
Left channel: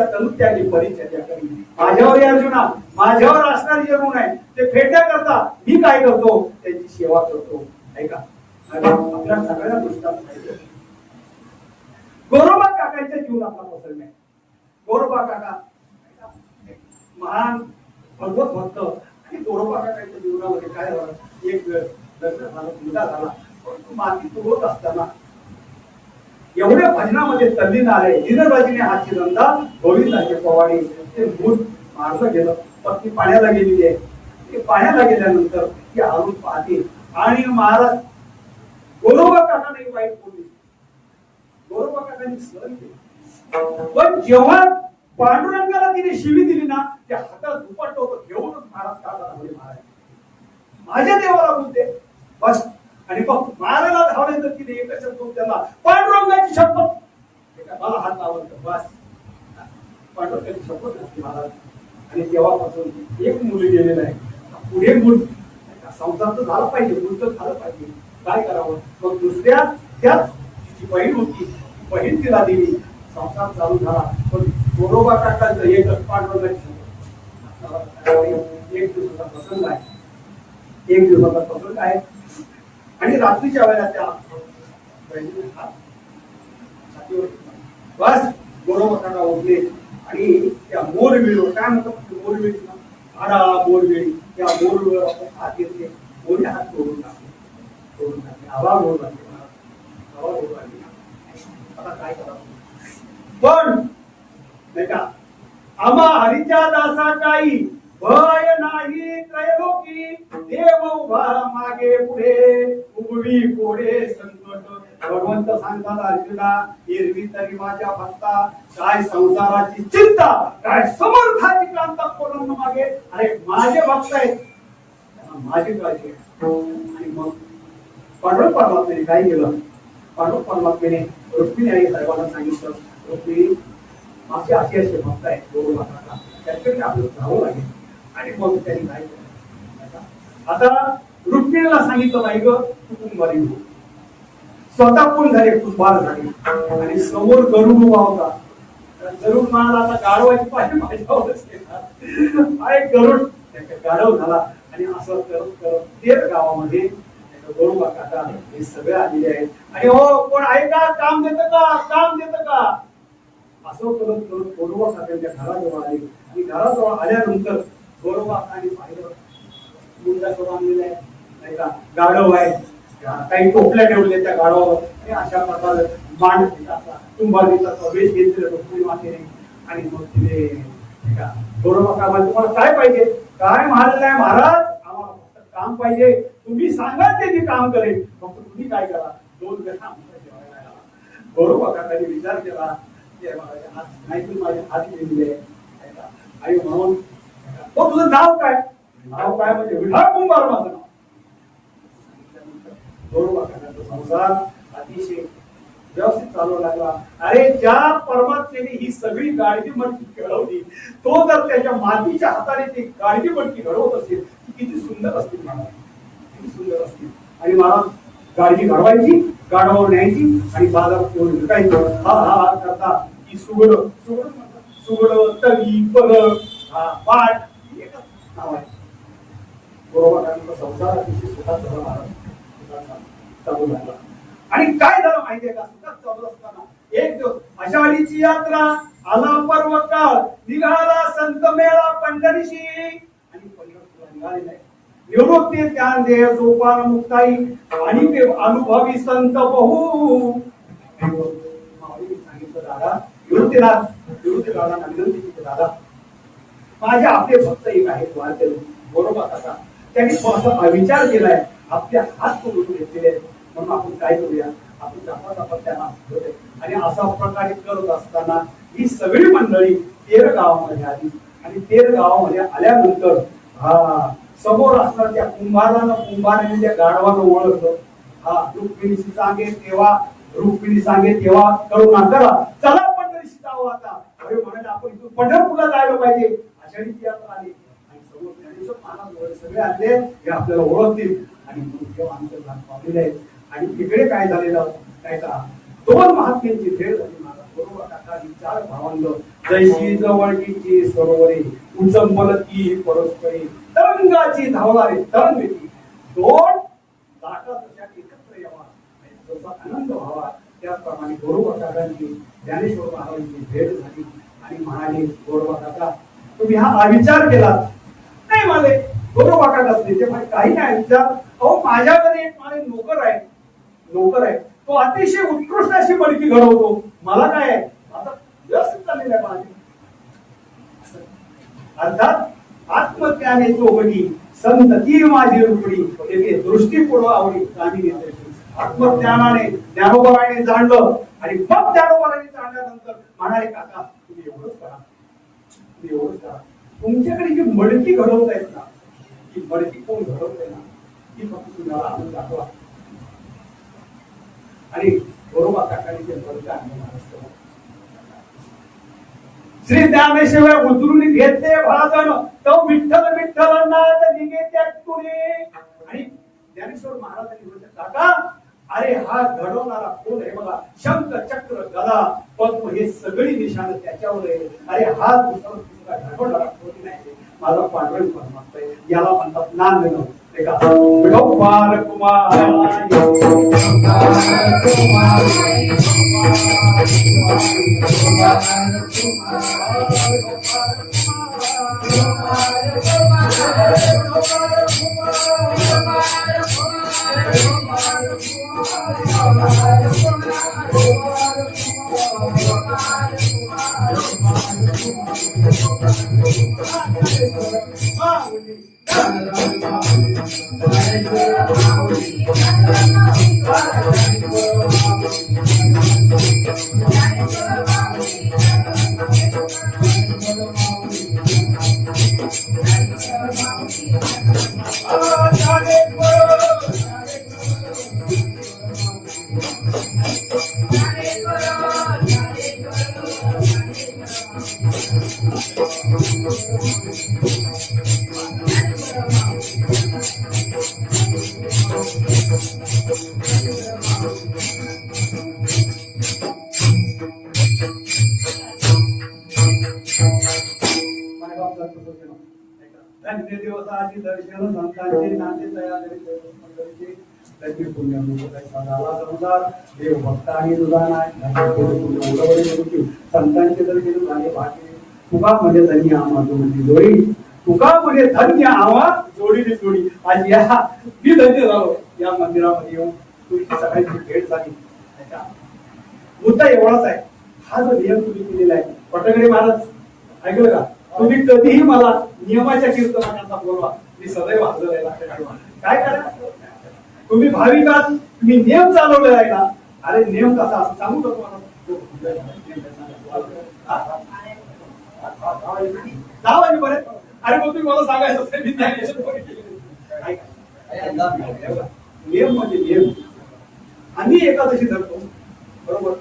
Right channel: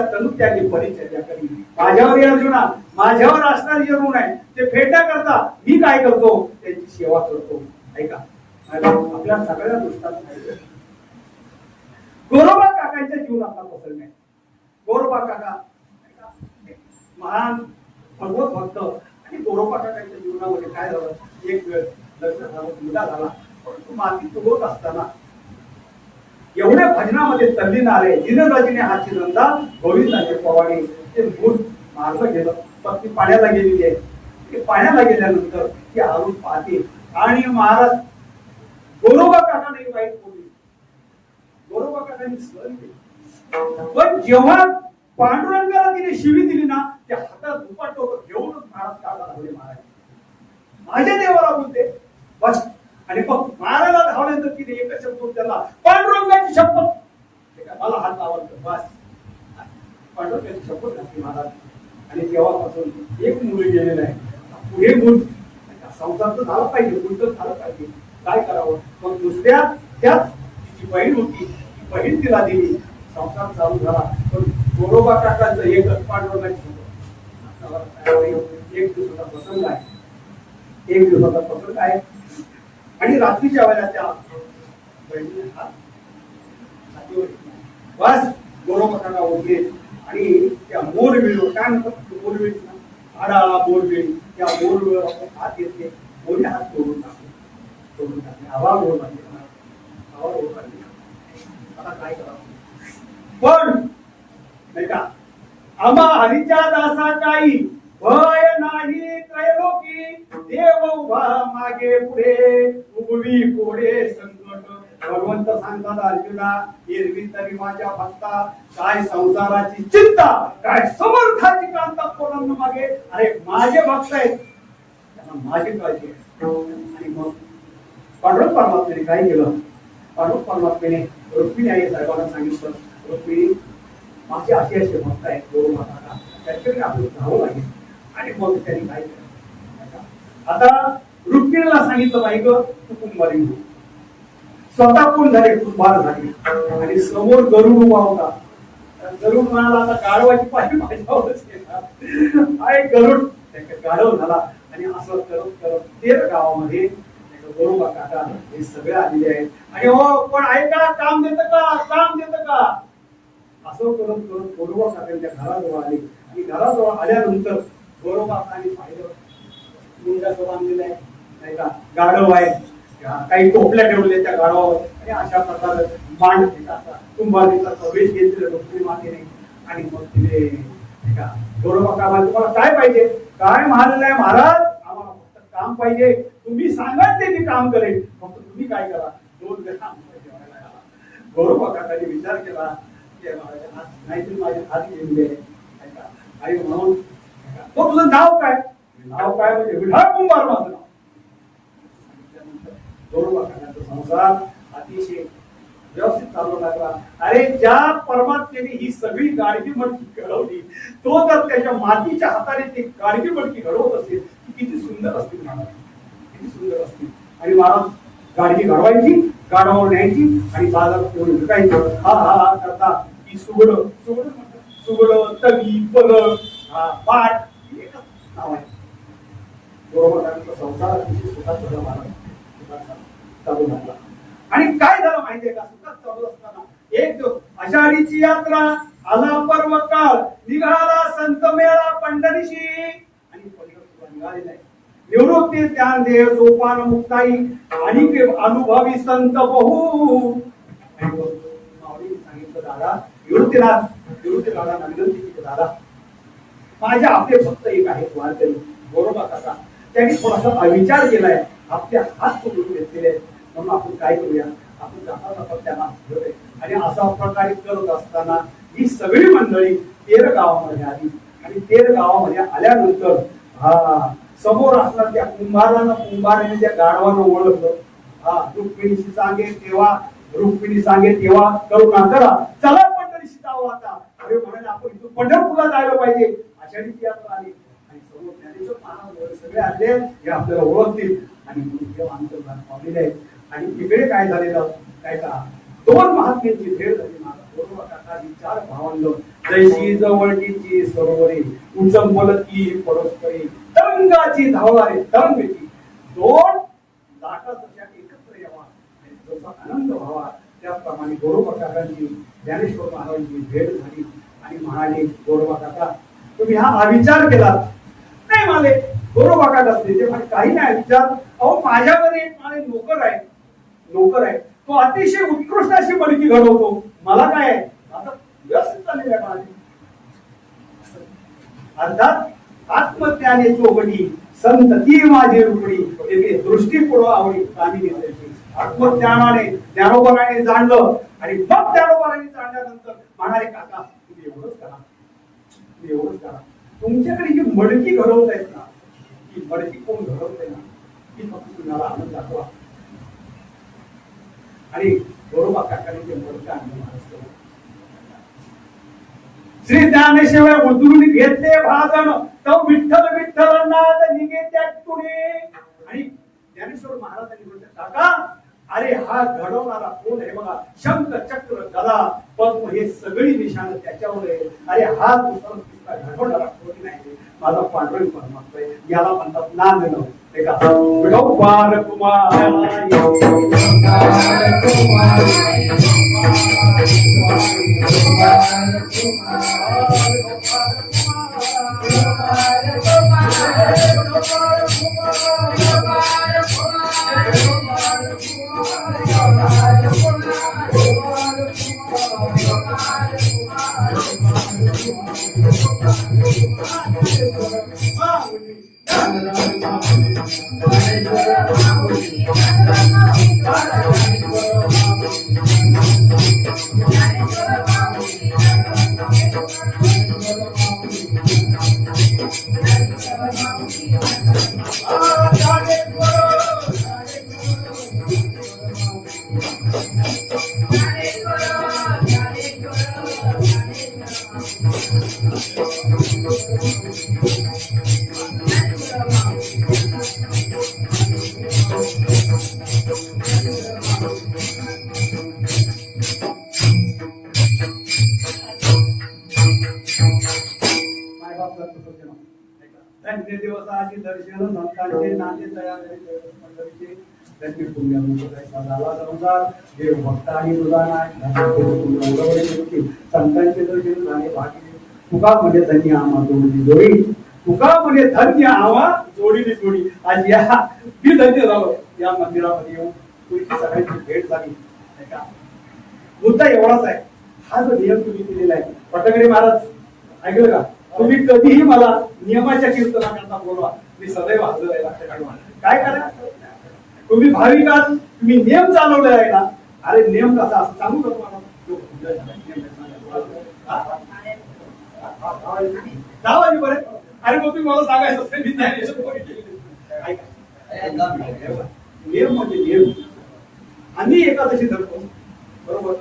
असताना माझ्यावर असणारी जे ऋण आहे ते फेडण्याकरता मी काय करतो, त्यांची सेवा करतो. ऐका, आपल्या सगळ्या दृष्टांत माहिती आहे, गोरोबा काकांच्या जीवनातला प्रसंग आहे. गोरोबा काका महान भगवत भक्त, आणि गोरोबा काकांच्या जीवनामध्ये काय झालं, एक वेळ लग्न झालं, मुलगा झाला, परंतु माती तुडवत असताना एवढ्या भजनामध्ये तल्लीनारे दिनराजीने हाची धंदा गोविंदाचे पवाडे ते भूत मारलं गेलं. पत्नी पाण्याला गेलेली आहे, ते पाण्याला गेल्यानंतर ती हळून पाहते आणि महाराज गोरोबा काकाने वाईट बोलली, गोरोबा काकांनी सहन केली. पण जेव्हा पांडुरंगाला तिने शिवी दिली ना, त्या हातात दुपट्टा घेऊनच महाराज काढला लागले. महाराज माझ्या देवाला बोलते बस, आणि मग महाराला धावल्यानंतर तिने एकच शब्द त्याला, पांडुरंगाची शपथ, मला हात लावला बस. पांडुरंगाची शपथ घातली महाराज, आणि तेव्हापासून एक मुली गेलेला आहे. पुढे मूल संसार तर झाला पाहिजे, मूल तर झालं पाहिजे, काय करावं. मग दुसऱ्या त्याच तिची बहीण होती, ती बहीण तिला दिली, संसार चालू झाला. पण गोरोबा काकांचं एकच पांडुरंगाची शपथ. एक दिवसाचा प्रसंग आहे, एक दिवसाचा प्रसंग आहे, आणि रात्रीच्या वेळेला त्या बस गोरोबा काका उठले आणि त्या मोरवेळी, काय म्हणतात मोरवेळी, आडा मोरवेळी, त्या मोरवेळी हात घेतले, मोरे हात तोडून टाकले, हवा गोड लागली, हवा गोड लागली. आता काय करावं, पण नाही का, आम्हा हरीच्या दासा काही भय नाही त्रैलोकी, देव उभा मागे पुढे उभवी पुढे संकट. भगवंत सांगतात अर्जुना, एरवी तरी माझ्या भक्ता, काय संसाराची चिंता, काय समर्थाची कांता कोणाला मागे. अरे माझे भक्त आहेत, माझी काळजी. आणि मग पांडुरंग परमात्म्याने काय केलं, पांडुरंग परमात्म्याने रुक्मिणी आई साहेबांना सांगितलं, रुक्मिणी माझे असे असे भक्त आहेत गोरोबा काका, त्याच्याकडे आपल्याला जावं लागेल. आणि मग त्यांनी काय केलं, आता रुक्मिणीला सांगितलं बाई ग तू कुंभारी हो. स्वतः कोण झाले, कुंभार झाले, आणि समोर गरुड उभा होता. गरुड म्हणाला आता गाढवाची पाठी माझ्यावरच येणार आहे. गरुड गाढव झाला, आणि असं करत करत 13 गावामध्ये गोरोबा काका हे सगळे आलेले आहेत. आणि हो कोण आहे का, काम देतं का, काम देतं का, असं करत करत गोरोबा काकांच्या घराजवळ आले. आणि घराजवळ आल्यानंतर गोरोबा काकांनी पाहिलं, मुंडाचं बांधलेलं आहे, नाही का, गाढव आहे, काही टोपल्या ठेवले त्या गाढवावर, आणि अशा प्रकारे मांड कुंभारीचा वेश घेतले रुक्मिणी मातेने. आणि मग तिने गोरोबा काका, तुम्हाला काय पाहिजे, काय म्हणालेलं आहे महाराज, आम्हाला फक्त काम पाहिजे, तुम्ही सांगा ते मी काम करेन, फक्त तुम्ही काय करा, 2 ग्राम जेवायला. गोरोबा काकांनी विचार केला, नाही तुम्ही माझ्या हात गेलेले आई म्हणून, तो तुझं नाव काय, नाव काय म्हणजे विठा कुंभार माझं नाव. गोरोबा काकांचा संसार अतिशय व्यवस्थित चालू लागला. अरे ज्या परमात्म्याने ही सगळी गाडगी मटकी घडवली, तो जर त्याच्या मातीच्या हाताने ती गाडगी मटकी घडवत असेल, ती किती सुंदर असतील महाराज, किती सुंदर असतील. आणि महाराज गाडगी घडवायची, गाडवावर न्यायची, आणि बाजारात विकायचं. हा हा करता की सुगड सुगड सुगड तगी पलक पाठ नाव आहे. गोरोबा काकांचा संसार अतिशय सुखात चालू झाला. आणि काय झालं माहितीये का, सुखात चालू असताना एक दिवस आषाढीची यात्रा, आला पर्व काळ, निघाला संत मेळा पंढरीशी. आणि पंढरपूरला निघालेला आहे. निवृत्ती ज्ञान दे सोपान मुक्ताई, आणि अनुभवी संत बहु. माऊलीने सांगितलं, दादा निवृत्ती दादा विनंती केली, दादा माझ्या आपले भक्त एक आहेत वारकरी गोरोबा काका, त्यांनी थोडासा विचार केलाय, आपल्या हात तोडून घेतलेले आहेत, म्हणून आपण काय करूया, आपण जाता त्यांना घेऊया. आणि असा प्रकारे करत असताना ही सगळी मंडळी 13 गावामध्ये आली. आणि 13 गावामध्ये आल्यानंतर समोर असणार त्या कुंभाराने त्या गाढवानं ओळखलं. रुक्मिणीशी सांगे तेव्हा करुणा करा, चला पंढरीशी जावं आता. अरे म्हणाले आपण इथून पंढरपूरला जायला पाहिजे. आषाढीची यात्रा आली, आणि समोर ज्ञानेश्वर महाराज सगळे आले, हे आपल्याला ओळखतील. आणि पावलेले आहेत. आणि तिकडे काय झालेलं, काय का 2 महात्म्यांची भेट झाली. गोरोबा काका ही 4 भावंड, जैशी जवळची सरोवरे उचंबलती परस्परी तरंगाची धावणारे तरंग दोन लाटा तशा एकत्र यावा जसा आनंद व्हावा त्याचप्रमाणे गोरोबा काकांची ज्ञानेश्वर महाराजांची भेट झाली आणि म्हणाले गोरोबा काका तुम्ही हा विचार केला नाही माले गोरोबा काका असले ते काही नाही विचार अहो माझ्या घरी एक माझे नोकर आहे तो अतिशय उत्कृष्ट अशी बडकी घडवतो मला काय आता व्यवस्थित चाललेलं आहे माझी अर्थात आत्मज्ञाने चोबडी संत ती माझी रुपडी ते दृष्टी पुढं आवडी कामी आत्मज्ञानाने ज्ञानोबराने जाणलं आणि मग ज्ञानोबराने जाणल्यानंतर म्हणाले काका तुम्ही एवढंच करा तुमच्याकडे जी मडकी घडवत आहेत ना ती मडकी कोण घडवत आहे ना ती फक्त तुम्हाला आणून दाखवा आणि गोरोबा काकाने ते मडकं आणलं महाराष्ट्र श्री ज्ञानेश्वर उचलून घेतले भाजन तो विठ्ठल विठ्ठलनाथ निघे त्या पुढे आणि ज्ञानेश्वर महाराजांनी म्हटलं काका अरे हा घडवणारा कोण आहे बघा शंख चक्र गदा पद्म हे सगळी निशाण त्याच्यावर आहे अरे हा दुसरा घडवणारा कोण नाही माझा पांडुरंग परमात्मा याला म्हणतात नांदणं ते का गौपार कुमार दिवसाची दर्शन संतांचे नाते तयार देव भक्तांनी संतांचे दर्शन झाले बाकी तुकामध्ये धन्य आम्हा जोडली जोडी तुकामध्ये धन्य आम्हा जोडीली जोडी आणि या मी धन्य झालो या मंदिरामध्ये येऊन तुमची सगळ्यांची भेट झाली मुद्दा एवढाच आहे हा जो नियम तुम्ही केलेला आहे पटगडे महाराज ऐकलं का तुम्ही कधीही मला नियमाच्या कीर्तनाकरता बोलवा मी सदैव हजर आहे काय करा तुम्ही भाविक आहात तुम्ही नियम चालवले आहे का अरे नियम कसा असं सांगू का तुम्हाला दहा वाजेपर्यंत अरे मग तुम्ही मला सांगायचं असते मी नियम म्हणजे नियम आम्ही एकादशी धरतो बरोबर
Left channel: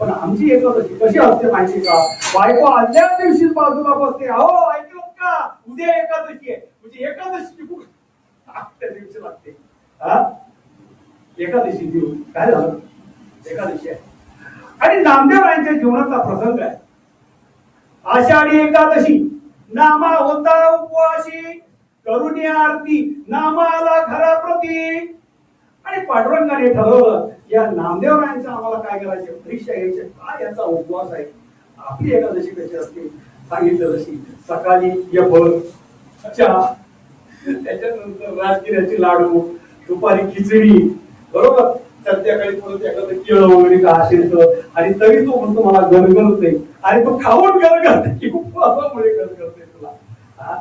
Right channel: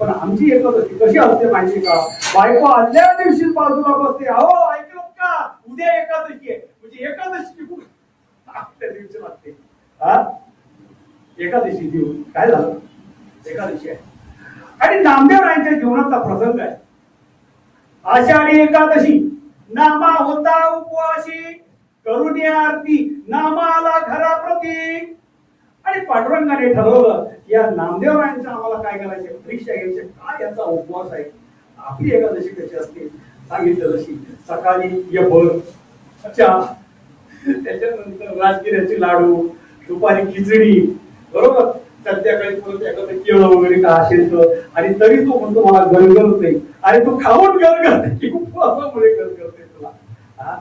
पण आमची एकादशी कशी असते माहिती का बायको आदल्या दिवशी बाजूला बसते अहो ऐकलं का उद्या एकादशी आहे म्हणजे एकादशी त्या दिवशी लागते हा एकादशी देऊ काय झालं एकादशी आहे आणि नामदेवरायांच्या जीवनाचा प्रसंग आहे आषाढी एकादशी नामा होता उपवासी करुणी आरती नामाला घराप्रती आणि पांडुरंगाने ठरवलं या नामदेवरायांचं आम्हाला काय करायचे परीक्षा घ्यायची काय याचा उपवास आहे आपली एकादशी कशी असते सांगितलं तशी सकाळी यभर चहा त्याच्यानंतर राजगिऱ्याचे लाडू दुपारी खिचडी बरोबर संध्याकाळी परत एखादं केळं वगैरे का असेल तर आणि तरी तो म्हणतो मला गरगरते आणि तो खाऊन गरगरते उपवासामुळे गरगरते तुला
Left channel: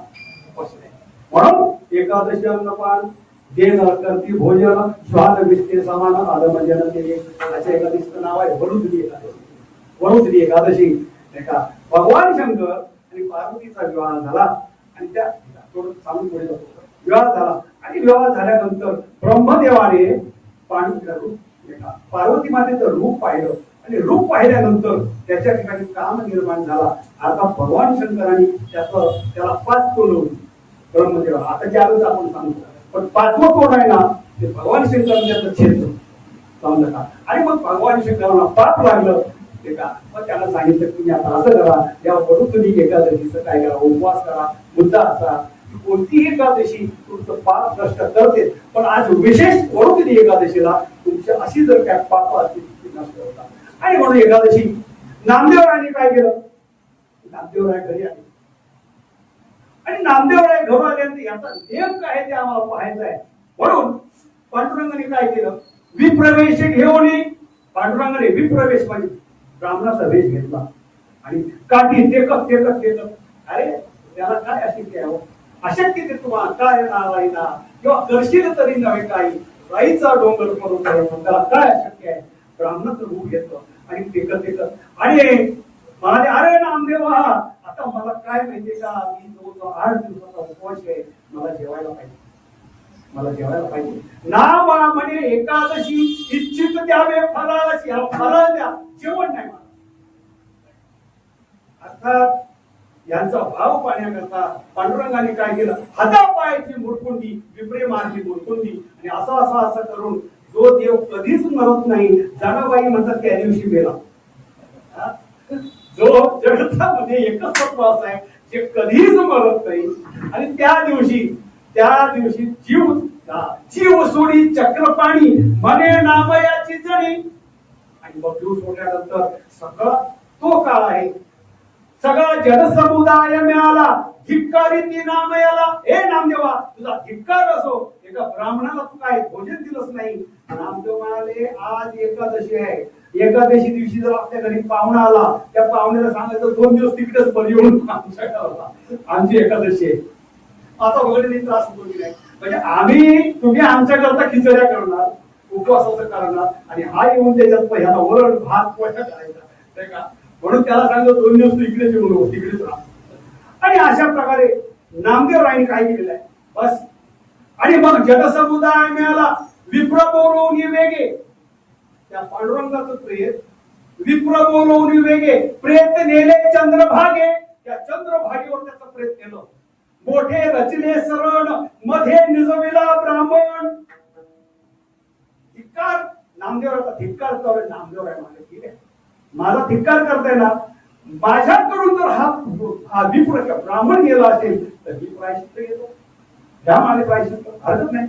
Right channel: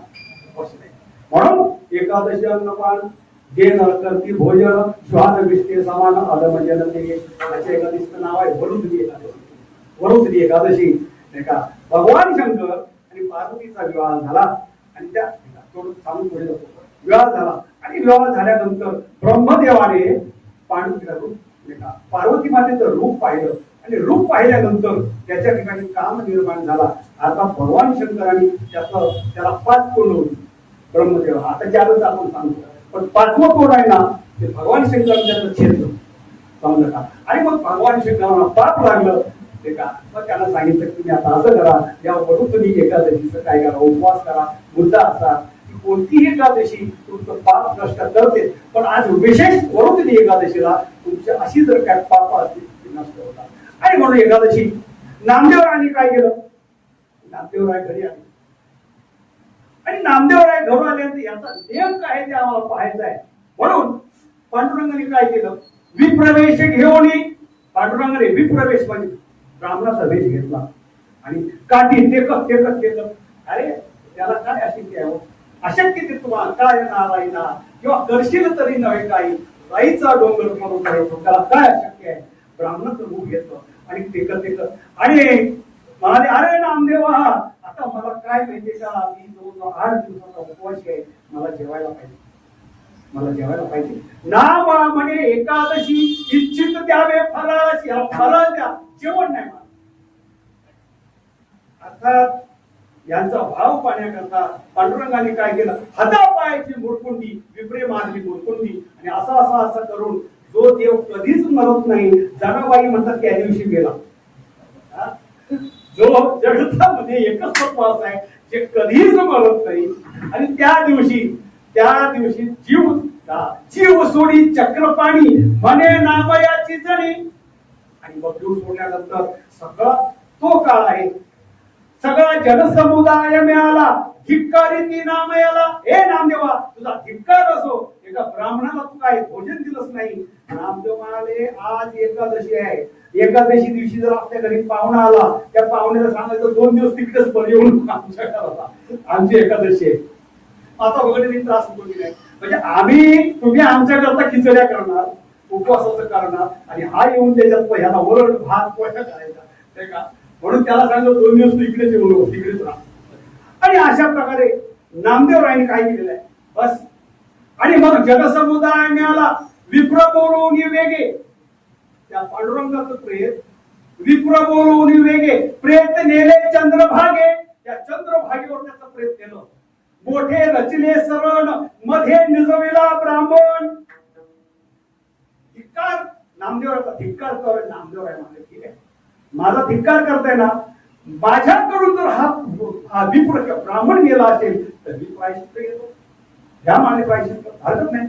म्हणून एकादशी अन्नपान जे नरकर्ती भोजन स्वाद विष्टे समान आलं म्हणजे अशा एकादशीचं नाव आहे वरुद्री एकादशी वरुद्री एकादशी नाही का भगवान शंकर आणि पार्वतीचा विवाह झाला आणि त्या थोडं सांगून पुढे जातो विवाह झाला आणि विवाह झाल्यानंतर ब्रह्मदेवाने पार्वती मातेचं रूप पाहिलं आणि रूप पाहिल्यानंतर त्याच्या ठिकाणी काम निर्माण झाला आता भगवान शंकरांनी त्याला 5 तोंड होती ब्रह्मदेव आता 4च आपण सांगतो पण 5वं तोंड आहे ना ते भगवान शंकर त्याचं छेद समजा आणि मग भगवान शंकरांना पाप लागलं ते का मग त्यांना सांगितलं की तुम्ही आता असं करा, यावरून तुम्ही एकादशीचं काय करा, उपवास करा. मुद्दा असा की कोणतीही एकादशी तुमचं पाप नष्ट करते, पण आज विशेष वरुण एकादशीला तुमची अशी जर काय पाप असतील ती नष्ट होतात. आणि म्हणून एकादशी नामदेवरायांनी काय केलं, नामदेवराय घरी आले आणि नामदेवराय घरून आल्यानंतर याचा नेम काय ते आम्हाला पाहायचं आहे. म्हणून पांडुरंगाने काय केलं, विप्रवेश घेऊन पांडुरंगाने विप्रवेश म्हणजे ब्राह्मणाचा वेश घेतला आणि काठी टेकत टेकत टेकत, अरे त्याला काय अशक्य आहे, अशक्य ते तुम्हाला काय नारायणा किंवा करशील तरी नव्हे काही, राईचा डोंगर करून त्याला काय अशक्य आहे. ब्राह्मणाचं रूप घेतलं आणि टेकत टेकत आणि म्हणाले, अरे नामदेवा आता मला काय माहितीये का, मी जो 8 दिवसाचा उपवास आहे, मला जेवायला पाहिजे, मला जेवायला पाहिजे. नाम म्हणे एकादशी इच्छित द्यावे फराळाची, फराळ द्या, जेवण नाही मला. अर्थात यांचा भाव पाहण्याकरता पांडुरंगाने काय केलं, हातापायाची मुरकुंडी, विप्रे मार्गी मुरकुंडी आणि असं करून जो देव कधीच मरत नाही, जनाबाई म्हणतात त्या दिवशी गेला. जो जगतामध्ये एकच तत्व असं आहे जे कधीच मरत नाही, आणि त्या दिवशी जीव सोडी चक्रपाणी म्हणे नामयाची जणी. आणि मग जीव सोडल्यानंतर सगळा तो काळ आहे, सगळा जनसमुदाय मिळाला, धिक्कारी ती नामयाला. हे नामदेवा तुझा धिक्कार असो, एका ब्राह्मणाला तू काय भोजन दिलंच नाही. नामदेव म्हणाले, आज एकादशी आहे, एकादशी दिवशी जर आपल्या घरी पाहुणा आला, त्या पाहुण्याला सांगायचं 2 दिवस तिकडेच पण येऊन आमच्या घराला, आमची एकादशी आहे. आता वगैरे त्रास होतो नाही, म्हणजे तुम्ही आमच्या करता खिचड्या करणार, उपवासाचं करणार, आणि हा येऊन त्याच्यात ह्याला वरण भात पोळ्या करायचा ते का. म्हणून त्याला सांगितलं 2 दिवस तिकडेच येऊन तिकडेच राहा. आणि अशा प्रकारे नामदेवरायांनी काय केलेलं आहे बस. आणि मग जनसमुदाय मिळाला, विप्र बोलवून वेगे, त्या पांडुरंगाचं प्रेत विप्र बोलवून वेगे, प्रेत नेले चंद्रभागे, त्या चंद्रभागेवर त्याचं प्रेत नेलं. मोठे रचले सरण मध्ये निजविला ब्राह्मण. धिक्कार नामदेवराचा धिक्कार कर. नामदेवराय म्हणाले, ठीक आहे माझा धिक्कार करताय ना, माझ्याकडून जर हा विप्र ब्राह्मण गेला असेल तर मी प्रायश्चित्त घेतो, घ्या माझे प्रायश्चित्त, हरकत नाही.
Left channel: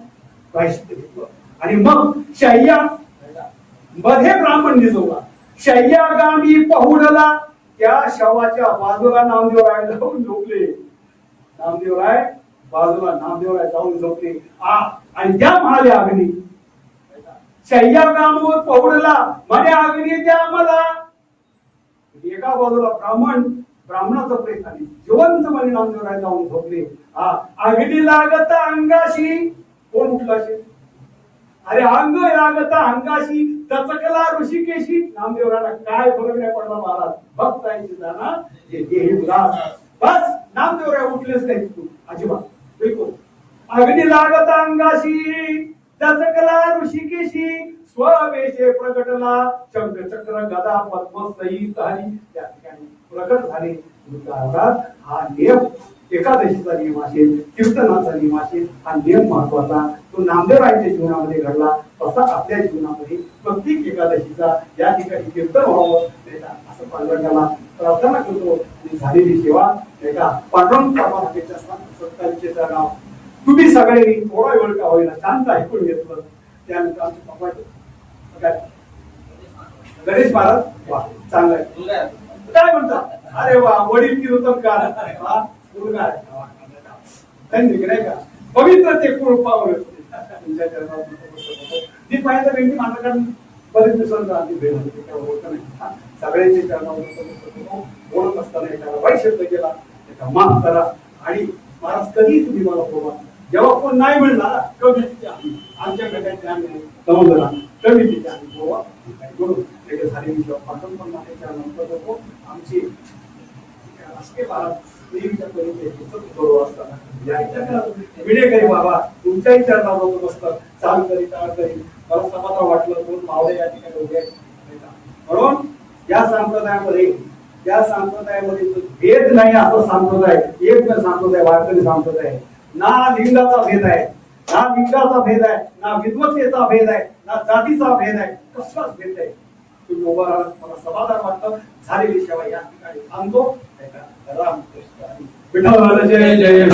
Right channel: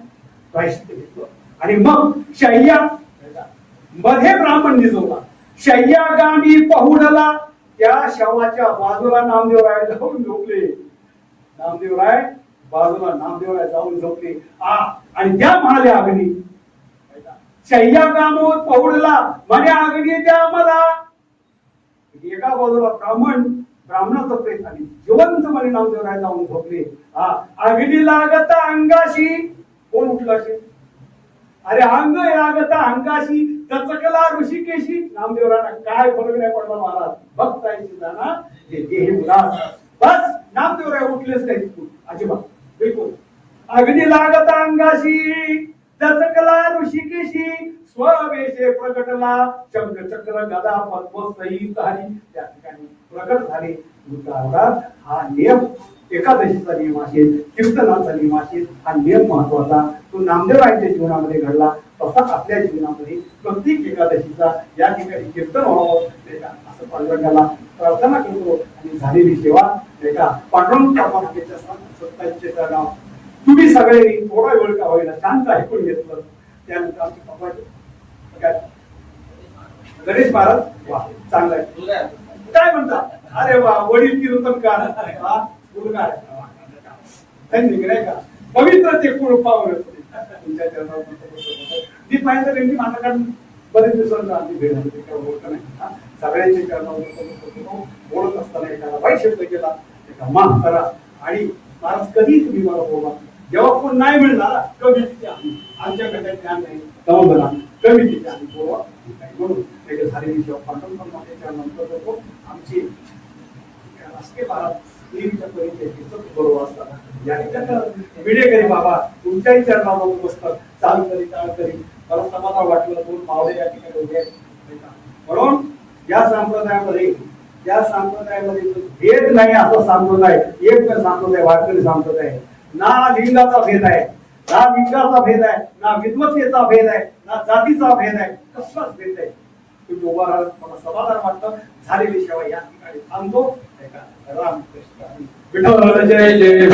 प्रायश्चित्त घेतलं आणि मग शय्या मध्ये ब्राह्मण निजवला, शय्यागामी पहुडला, त्या शवाच्या बाजूला नामदेवराय जाऊन झोपले. नामदेवराय बाजूला नामदेवराय जाऊन झोपले. आणि त्या म्हणाले अग्नी, शय्यागामून पहुडला म्हणे अग्नी द्या मला. एका बाजूला ब्राह्मणाचं प्रेत आणि जिवंत म्हणे नामदेवराय जाऊन झोपले. अग्नी लागता अंगाशी, कोण उठला असेल, अरे अंग लागता अंगाशी, तचकला ऋषिकेशी. नामदेवरायांना काय फरक नाही पडला महाराज, भक्तांची जाना जे देही उदास. बस नामदेवराय उठलेच नाही तिथून अजिबात, बिलकुल. अग्नी लागता अंगाशी, तचकला ऋषिकेशी, स्ववेशे प्रकटला, शंख चक्र गदा पद्म सहित हरी, त्या ठिकाणी प्रकट झाले. हा नियम एकादशीचा नियम असेल, कीर्तनाचा नियम असेल, हा नियम महत्वाचा तो नामदेवरायांच्या जीवनामध्ये घडला. तसा आपल्या जीवनामध्ये प्रत्येक एकादशीचा या ठिकाणी कीर्तन व्हावं नाही का, असं पांडुरंगाला प्रार्थना करतो. आणि झालेली सेवा नाही का पांडुरंग सत्तांचे नाव तुम्ही सगळे थोडा वेळ का होईना शांत ऐकून घेतलं. त्यानंतर आमचे पप्पा काय गणेश महाराज, वा चांगला आहे, काय म्हणता, अरे वा वडील कीर्तनकार, मुलगा नाही का, पवित्र ते कृपावर मी पाहिलं त्यांनी माझ्या बरेच दिवसांना भेट नाही सगळ्यांची बोलत असताना एखादा वाईट शब्द केला, एका माफ करा. आणि महाराज कधी तुम्ही मला बोला, जेव्हा कोण नाही मिळणार कमी तिथे आम्ही आमच्या गटात ज्ञान नाही समजला कमी तिथे आम्ही बोला म्हणून झालेली जेव्हा पाठवून त्यानंतर आमची राष्ट्रीय महाराज देवीच्या बरोबर असताना विडेकरी बाबा तुमच्याही चरणावर बसतात, चालू करी चाल करी मला समाधान वाटलं. 2 मावळे या ठिकाणी उभे आहेत. म्हणून या संप्रदायामध्ये भेद नाही असं संप्रदाय, एक संप्रदाय वारकरी संप्रदाय. ना लिंगाचा भेद आहे, ना लिंगाचा भेद आहे, ना विद्वत्तेचा भेद आहे, ना जातीचा भेद आहे, कसलाच भेद आहे. तुम्ही उभा राहा, मला समाधान वाटतं. झालेली सेवा या ठिकाणी थांबतो. रामकृष्ण हरी. विठ्ठल जय जय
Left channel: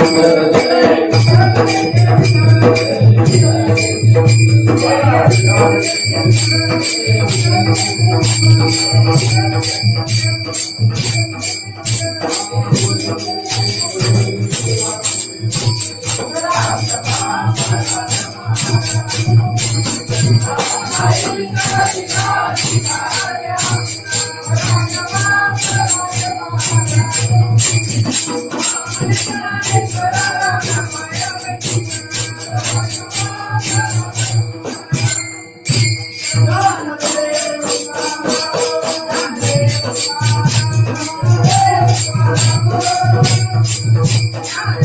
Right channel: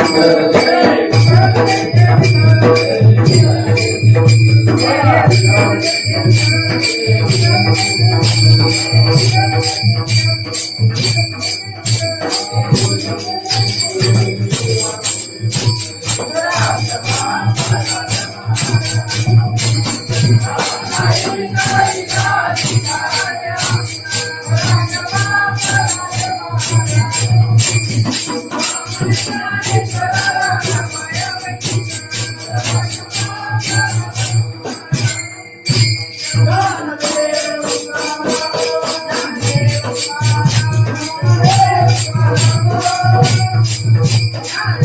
Yeah.